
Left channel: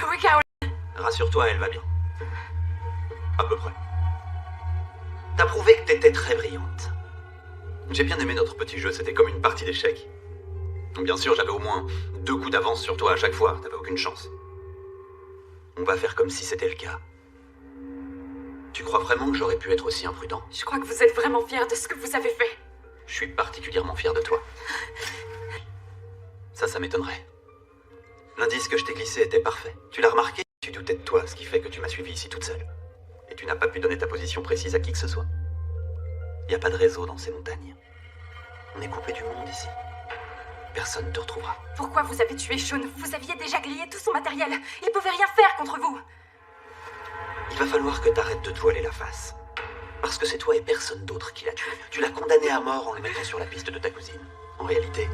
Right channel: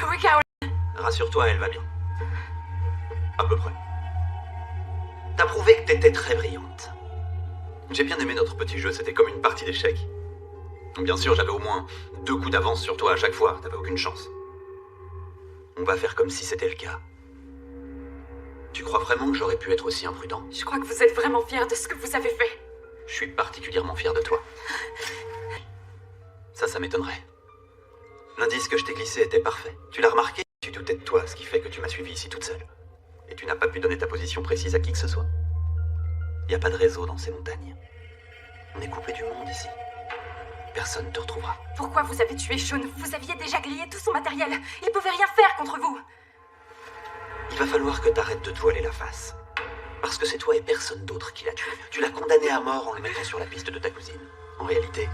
Oui, Caroline. Rassure-toi, elle va bien. À peu près. T'as prouvé que t'étais très brillante. J'ai bien aimé notre petit jeu, c'était comme une partie d'échecs. Bien sûr, j'avais au moins 2 coups d'avance sur toi à chaque fois, t'avais aucune chance. On va faire comme si c'était le cas. Tu crois vraiment que j'aurais pu être aussi imprudent? Je crois que vous êtes vraiment fiers de ce que vous avez fait. Je suis particulièrement fier de toi. Ça m'étonnerait. L'indice que je t'ai glissé était parfait. Tu l'as remarqué? Tu doutais de toi, ce qui fait que tu m'as suivi ici toute seule. Et tu n'as pas pu donner ta position précise à qui que ce soit. Il n'y a pas de réseau dans ces montagnes. On est coupé du monde ici. Personne ne te retrouvera. Pourquoi vous avez tué Sean? Vous aviez déjà grillé tout son matériel. Il pouvait rien faire contre vous. Il va falloir que t'arrêtes de te voiler la face. parce que c'est toi et personne d'autre qui l'a tué. Tu l'as condamné à mort en le mettant sur la piste de ta cousine. En réalité,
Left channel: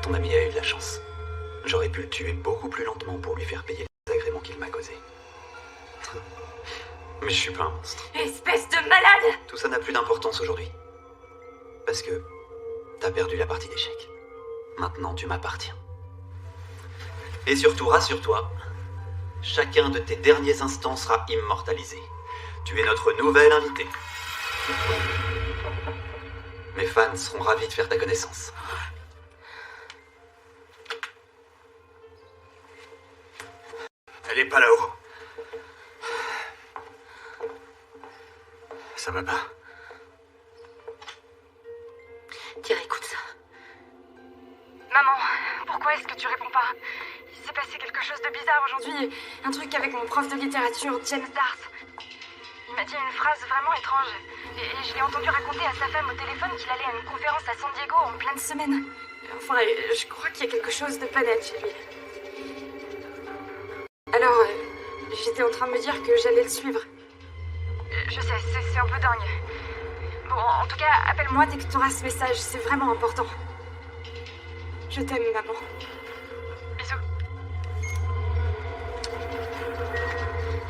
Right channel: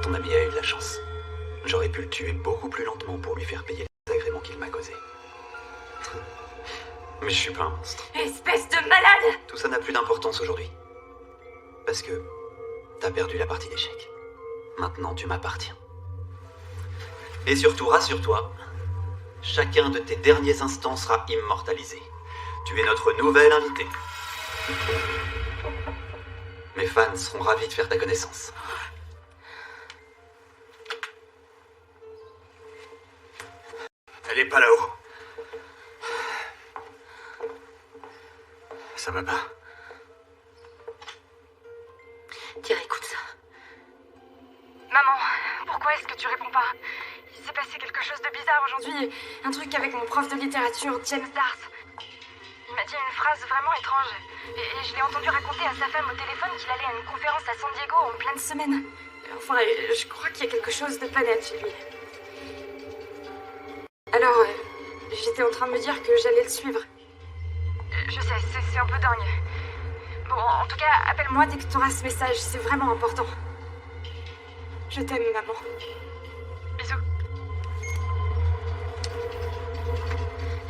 ton ami a eu de la chance. J'aurais pu le tuer beaucoup plus lentement pour lui faire payer les agréments qu'il m'a causés. Mais je suis pas un monstre. Espèce de malade! Tout ça n'a plus d'importance aujourd'hui. Parce que t'as perdu la partie d'échecs. Maintenant, tu m'appartiens. Et surtout, rassure-toi, chacun de tes derniers instants sera immortalisé. Tu es notre nouvelle invitée. Mes fans seront ravis de faire ta connaissance. Elle est pas là-haut. Ça va pas. Tiens, écoute ça. Maman, pourquoi est-ce que tu réponds pas? Il s'est passé quelque chose de bizarre aujourd'hui. Un truc avec mon prof de littérature, James Darth. Il m'a dit une phrase vraiment étrange. Et je l'ai entendu raconter à sa femme au téléphone qu'il allait à une conférence à San Diego en pleine semaine. Enfin, je crois qu'il y a quelque chose de pas net chez lui. Alors, j'étais en train de me dire que j'allais le suivre. Je sais, c'est un peu dingue. Bon, en tout cas, appelle-moi dès que tu auras ce message, c'est vraiment important. Je t'aime, maman. Bisous.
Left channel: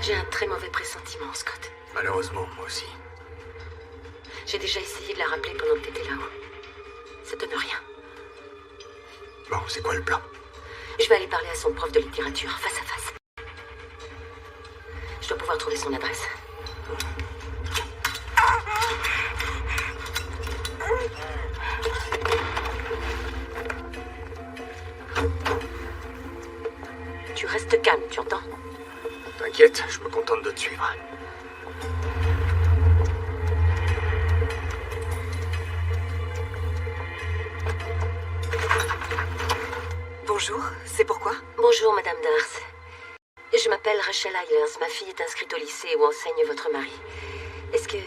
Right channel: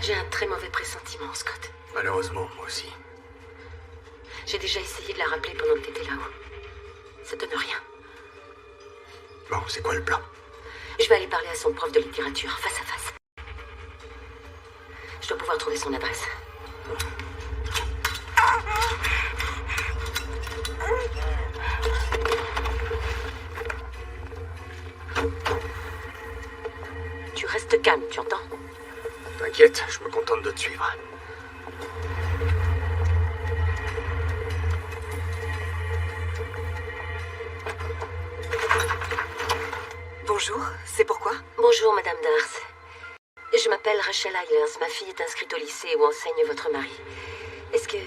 J'ai un très mauvais pressentiment, Scott. Malheureusement, moi aussi. J'ai déjà essayé de la rappeler pendant que t'étais là-haut. Ça donne rien. Bon, c'est quoi le plan? Je vais aller parler à son prof de littérature, face à face. Je dois pouvoir trouver son adresse. Tu restes calme, tu entends? T'inquiète, je me contente de te suivre. Bonjour, c'est pourquoi? Bonjour, Madame Darth. Je m'appelle Rachel Eilers. Ma fille est inscrite au lycée où enseigne votre mari. Est-ce que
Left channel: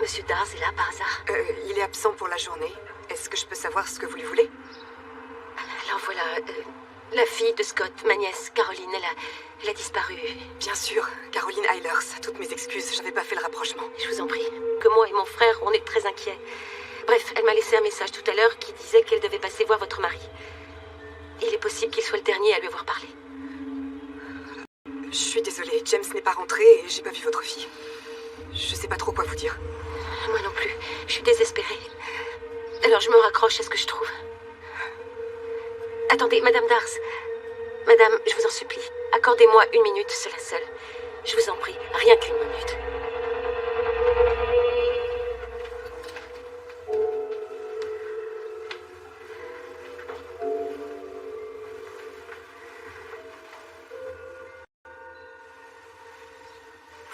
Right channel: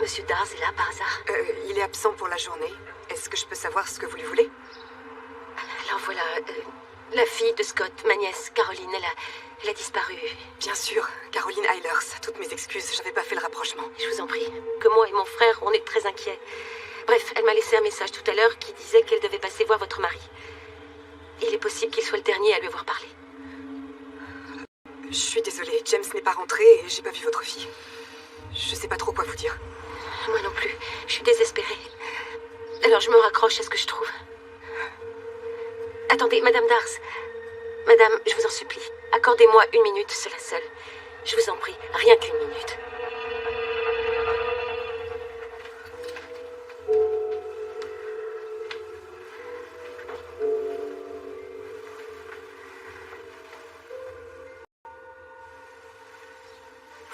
Monsieur Darth est là par hasard? Il est absent pour la journée. Est-ce que je peux savoir ce que vous lui voulez? Alors voilà, la fille de Scott, ma nièce, Caroline, elle a disparu. Bien sûr, Caroline Eilers. Toutes mes excuses, j'avais pas fait le rapprochement. Je vous en prie, que moi et mon frère, on est très inquiets. Bref, elle m'a laissé un message tout à l'heure qui disait qu'elle devait passer voir votre mari. Il est possible qu'il soit le dernier à lui avoir parlé. Je suis désolée, James n'est pas rentré et j'ai pas vu votre fille. Je sais pas trop quoi vous dire. Moi non plus, je suis désespérée. Alors je me raccroche à ce que je trouve. Attendez, Madame Darth. Madame, je vous en supplie, accordez-moi 1 minute, cela seul. Je vous en prie, rien qu'1 minute.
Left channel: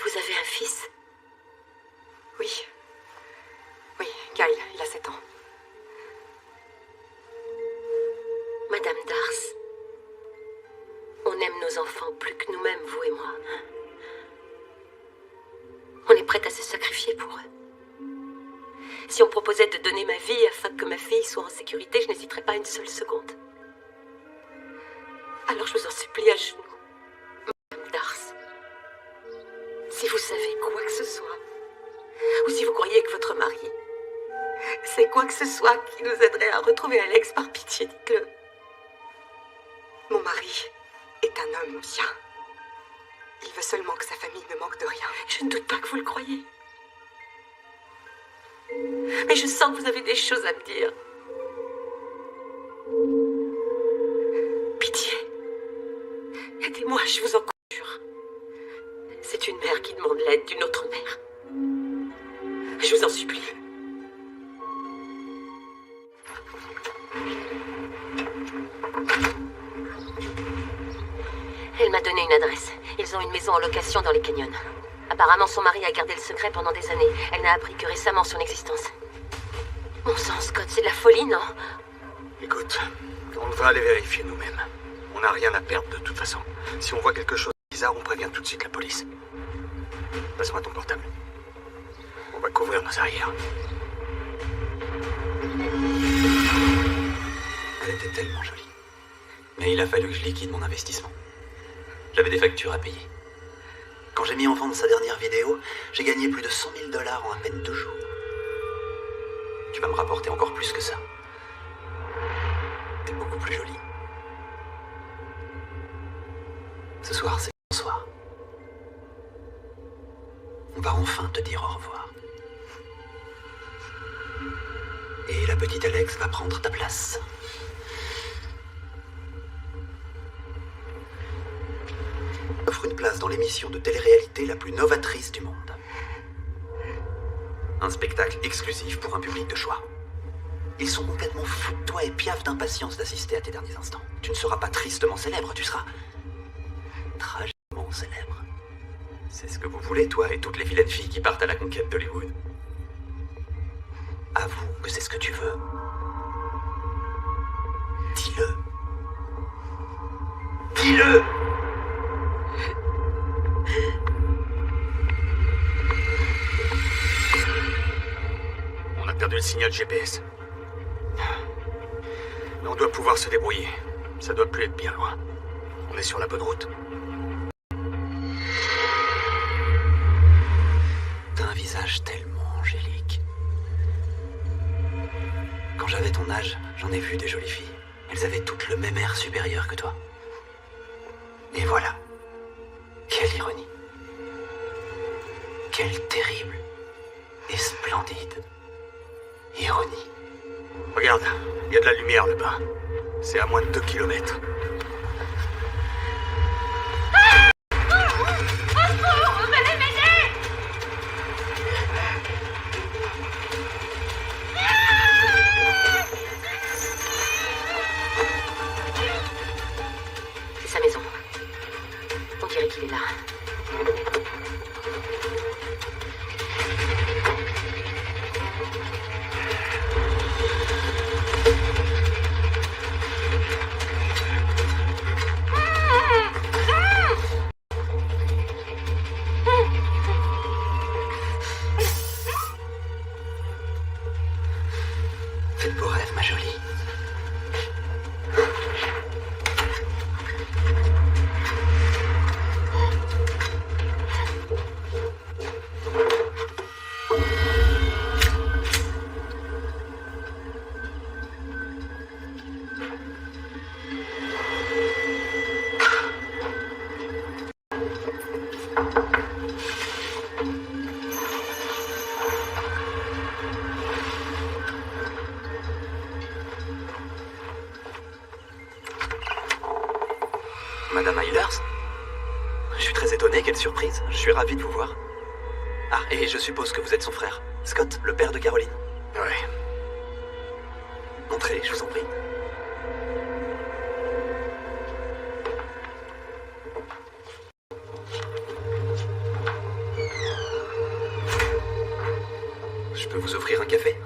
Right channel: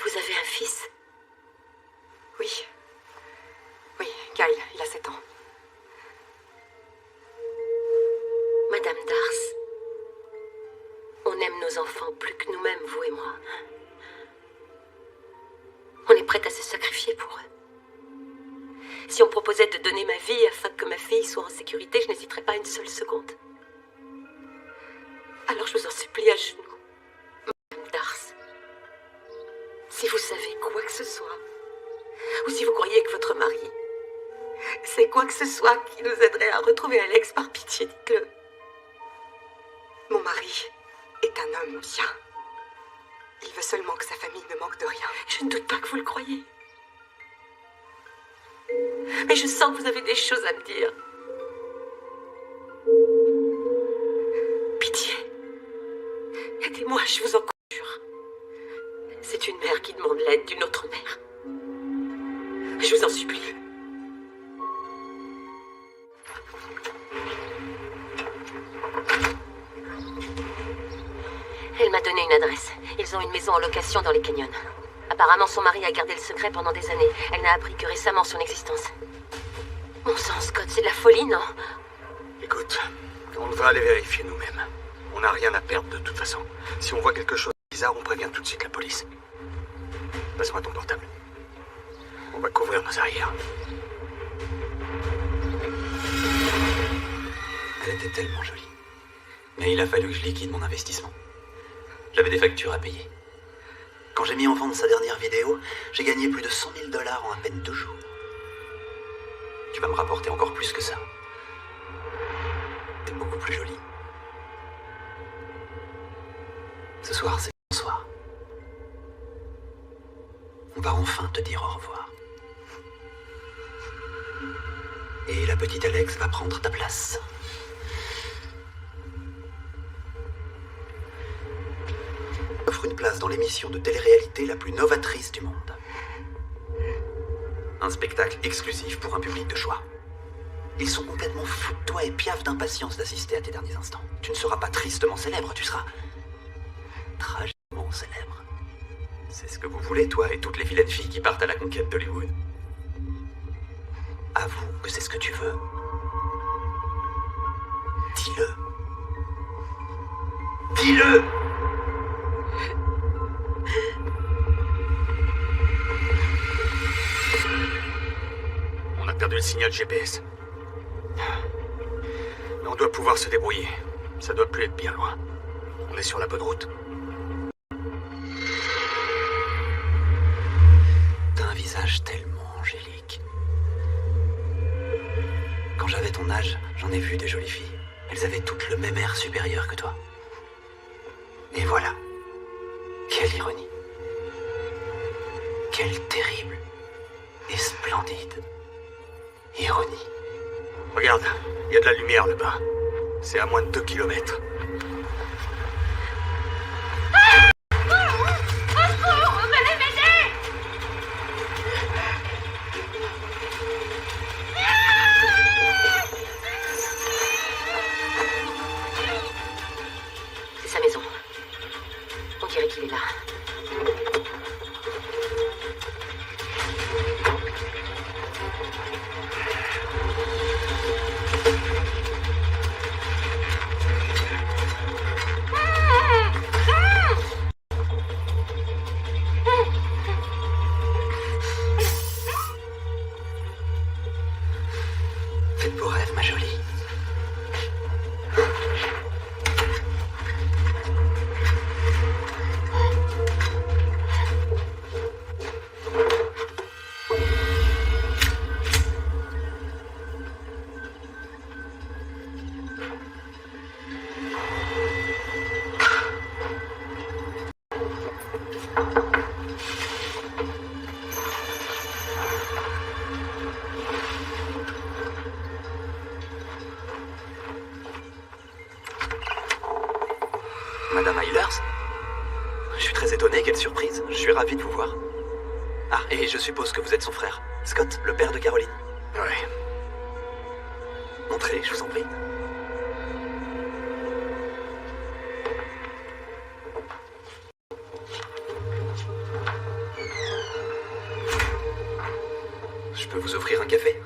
Vous avez un fils? Oui. Oui, Kyle, il a 7 ans. Madame Darth, on aime nos enfants plus que nous-mêmes, vous et moi. On est prête à se sacrifier pour eux. Si on proposait de donner ma vie afin que ma fille soit en sécurité, je n'hésiterais pas une seule seconde. Alors je vous en supplie à genoux, Madame Darth. Si vous savez quoi que ce soit, ou si vous croyez que votre mari, c'est quoi que ce soit qui nous aiderait à retrouver Alex, par pitié, dites-le. Mon mari est un homme bien. Il veut seulement que sa famille ne manque de rien. Je ne doute pas que vous le croyez. Mais je sens que vous avez des choses à me dire. Pitié. Aidez-moi, je vous en conjure. C'est une mère qui demande l'aide d'une autre mère. Je vous en supplie. Elle m'a donné une adresse. Ils ont une maison en location dans les canyons. Apparemment, son mari a gardé le secret pendant des années. Elle n'a appris que récemment son existence. Mon sang, Scott, c'est de la folie, non? Écoute, on devrait aller vérifier nous-mêmes. On n'a rien à perdre de toute façon. Si on voit quelque chose de bizarre, on prévient tout de suite la police. Passe-moi ton portable. On va couvrir nos arrières. Elle était tellement jolie. Mais il a fallu que je liquide mon investissement. J'avais des factures à payer. Quand j'ai mis en vente sa dernière vidéo, j'ai gagné plus de 100 000 $ en à peine 2 jours. Tu vas me rapporter encore plus que ça. T'es beaucoup plus jolie. Ce soir, c'est ton soir. On va enfin te dire au revoir. Et la petite Alex va prendre ta place. Offre une place dans l'émission de télé-réalité la plus novatrice du monde. Un spectacle exclusif pour un public de choix. Ils sont complètement fous de toi et piaffent d'impatience d'assister à tes derniers instants. Tu ne seras pas tristement célèbre, tu seras tragiquement célèbre. C'est ce que vous voulez, toi et toutes les vilaines filles qui partent à la conquête d'Hollywood. Avoue que c'est ce que tu veux. Dis-le. Dis-le! On a perdu le signal GPS. Mais on doit pouvoir se débrouiller. Ça doit plus être bien loin. On est sur la bonne route. T'as un visage tellement angélique. Quand j'avais ton âge, j'en ai vu des jolies filles. Elles avaient toutes le même air supérieur que toi. Et voilà. Quelle ironie. Quelle terrible et splendide ironie. Regarde, il y a de la lumière là-bas. C'est à moins de 2 kilomètres. Venez m'aider! C'est sa maison. On dirait qu'il est là. Fais de beaux rêves, ma jolie. Madame Eilers? Je suis très étonné, quelle surprise. Je suis ravi de vous voir. Ah, et je suppose que vous êtes son frère, Scott, le père de Caroline. Ouais. Entrez, je vous en prie. Je peux vous offrir un café?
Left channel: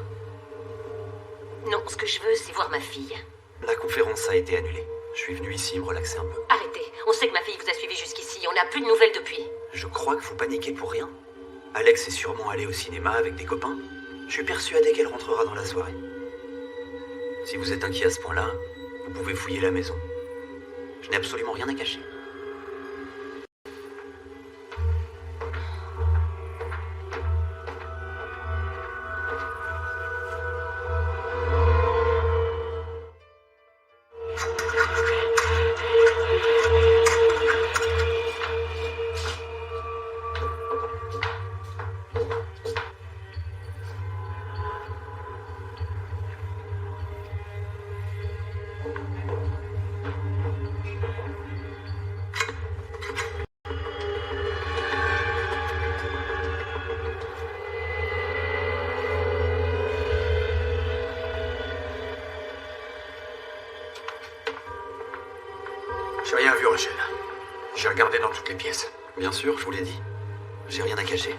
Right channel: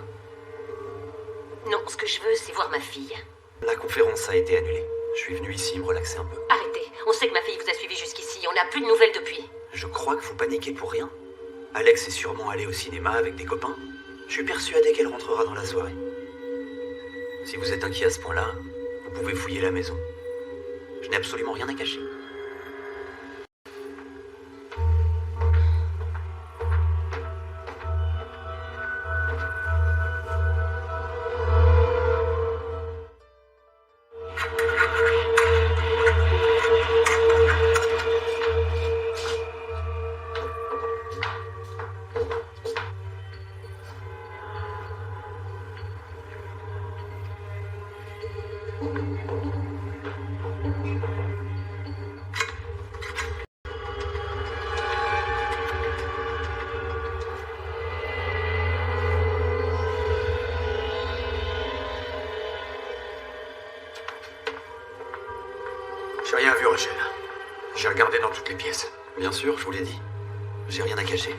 Non, ce que je veux, c'est voir ma fille. La conférence a été annulée. Je suis venu ici me relaxer un peu. Arrêtez. On sait que ma fille vous a suivi jusqu'ici. On n'a plus de nouvelles depuis. Je crois que vous paniquez pour rien. Alex est sûrement allé au cinéma avec des copains. Je suis persuadé qu'elle rentrera dans la soirée. Si vous êtes inquiet à ce point-là, vous pouvez fouiller la maison. Je n'ai absolument rien à cacher. J'ai rien vu, Rachel. J'ai regardé dans toutes les pièces. Bien sûr, je vous l'ai dit. J'ai rien à cacher.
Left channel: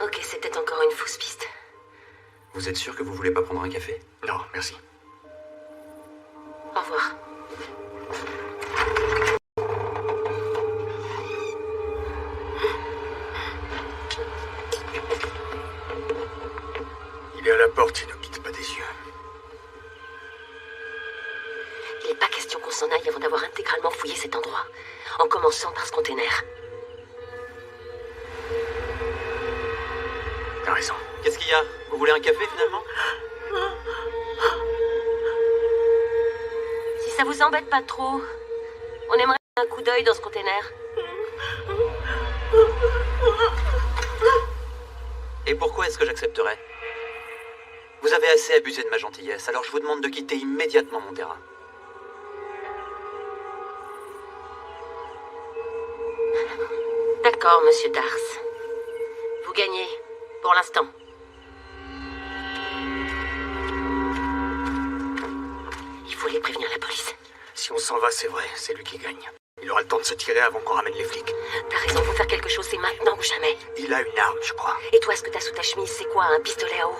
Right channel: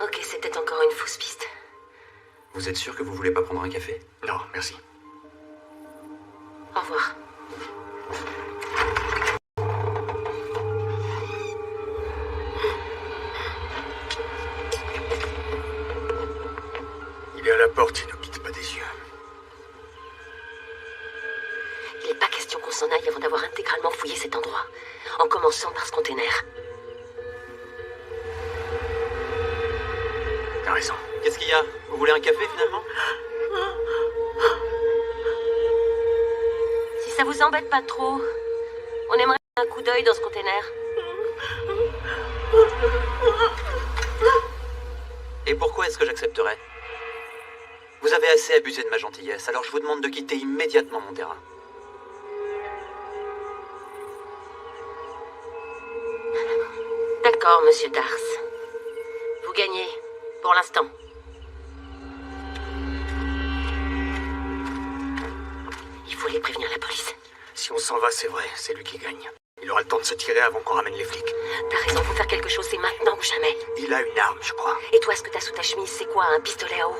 Ok, c'était encore une fausse piste. Vous êtes sûr que vous voulez pas prendre un café? Non, merci. Au revoir. Il est à la porte, il ne quitte pas des yeux. Il n'est pas question qu'on s'en aille avant d'avoir intégralement fouillé cet endroit. en commençant par ce container. T'as raison. Qu'est-ce qu'il y a? Vous voulez un café, finalement? Si ça vous embête pas trop, on aimerait un coup d'œil dans ce container. Et pourquoi est-ce que j'accepterais? Vous avez assez abusé de ma gentillesse, alors je vous demande de quitter immédiatement mon terrain. D'accord, monsieur Dars. Vous gagnez, pour l'instant. Il faut aller prévenir la police. Si on s'en va, c'est vrai, c'est lui qui gagne. Il aura le temps de se tirer avant qu'on ramène les flics. T'as raison, faut faire quelque chose, c'est maintenant ou jamais. Il a une arme, je crois. Et toi, ce que t'as sous ta chemise, c'est quoi, un pistolet à eau?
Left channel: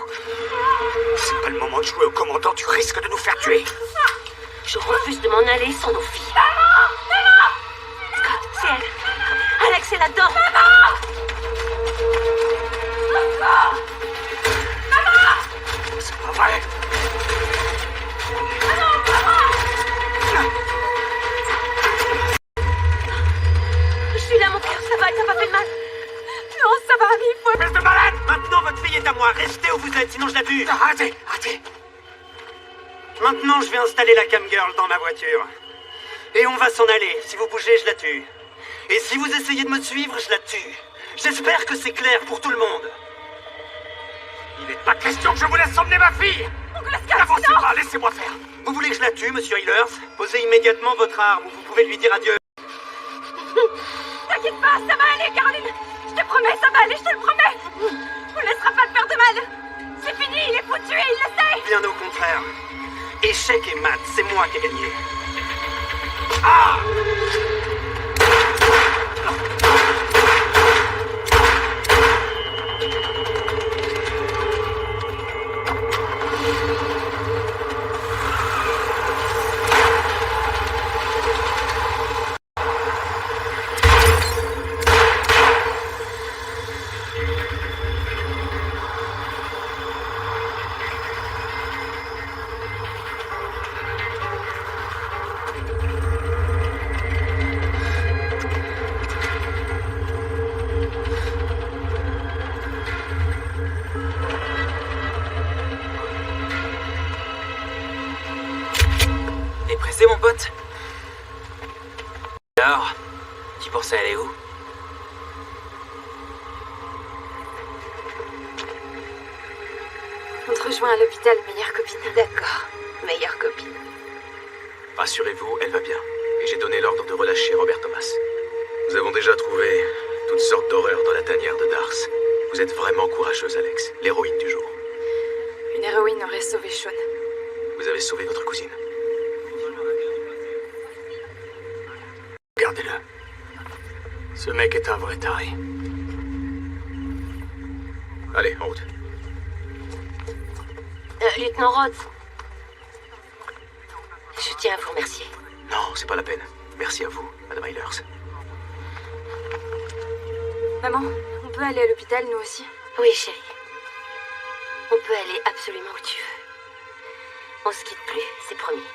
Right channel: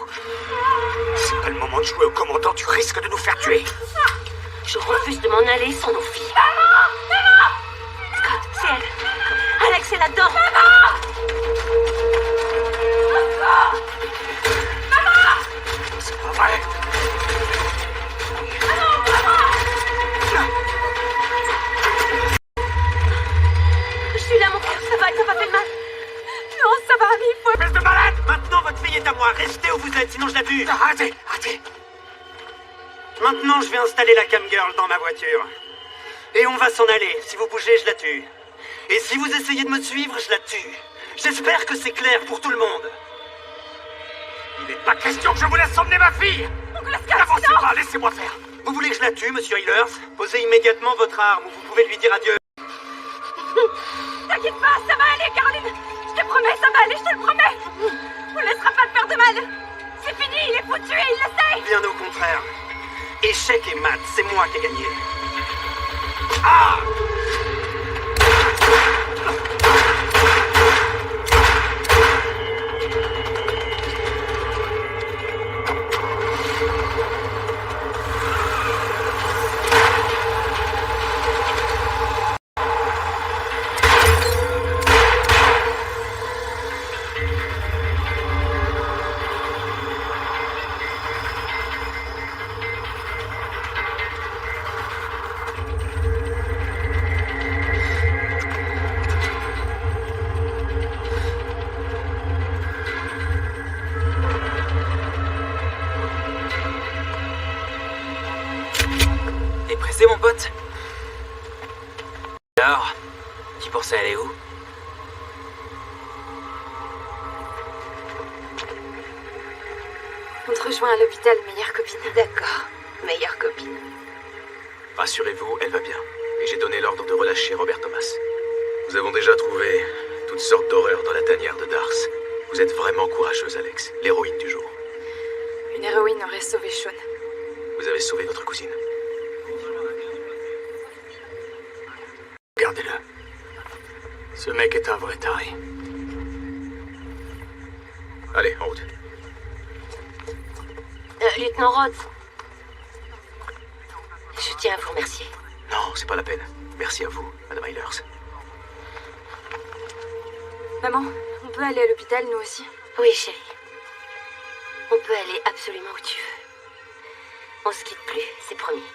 C'est pas le moment de jouer au commandant, tu risques de nous faire tuer. Je refuse de m'en aller sans nos filles. Scott, c'est elle. Alex est là-dedans. C'est pas vrai. Je suis là, mon cœur, ça va, t'as pas fait de mal. Non, ça va, mais il faut... Espèce de malade! Maintenant, votre fille est à moi. Restez où vous êtes, sinon je la tue. Arrêtez, arrêtez. Maintenant, je vais installer la cam girl dans ma voiture. Et on va s'en aller. Si vous bougez, je la tue. Et si vous essayez de me suivre, je la tue. J'espère que c'est clair pour tout le monde. Il n'est pas question que je vous laisse emmener ma fille. N'avancez pas, laissez-moi faire. Vous voulez que je la tue, monsieur Hillers? Posez immédiatement votre arme ou vous pouvez lui dire adieu. T'inquiète pas, ça va aller, Caroline. Je te promets, ça va aller, je te le promets. On ne laissera pas te faire de mal. C'est fini, il est foutu et il le sait. Bien au contraire. Échec et mat, c'est moi qui ai gagné. Ah! T'es pressé, mon pote? Alors, tu pensais aller où? On te rejoint à l'hôpital, meilleure copine. D'accord, meilleure copine. Rassurez-vous, elle va bien. Et j'ai donné l'ordre de relâcher Robert Thomas. Nous avons déjà trouvé toutes sortes d'horreurs dans la tanière de Dars. Vous êtes vraiment courageuse, Alex. L'héroïne du jour. Une héroïne aurait sauvé Sean. Vous avez sauvé votre cousine. Regardez-le. Ce mec est un vrai taré. Allez, en route. Lieutenant Rhodes. Je tiens à vous remercier. Non, c'est pas la peine. Merci à vous, Madame Hillers. Maman, on peut aller à l'hôpital, nous aussi? Oui, chérie. On peut aller absolument où tu veux. On se quitte plus, c'est promis.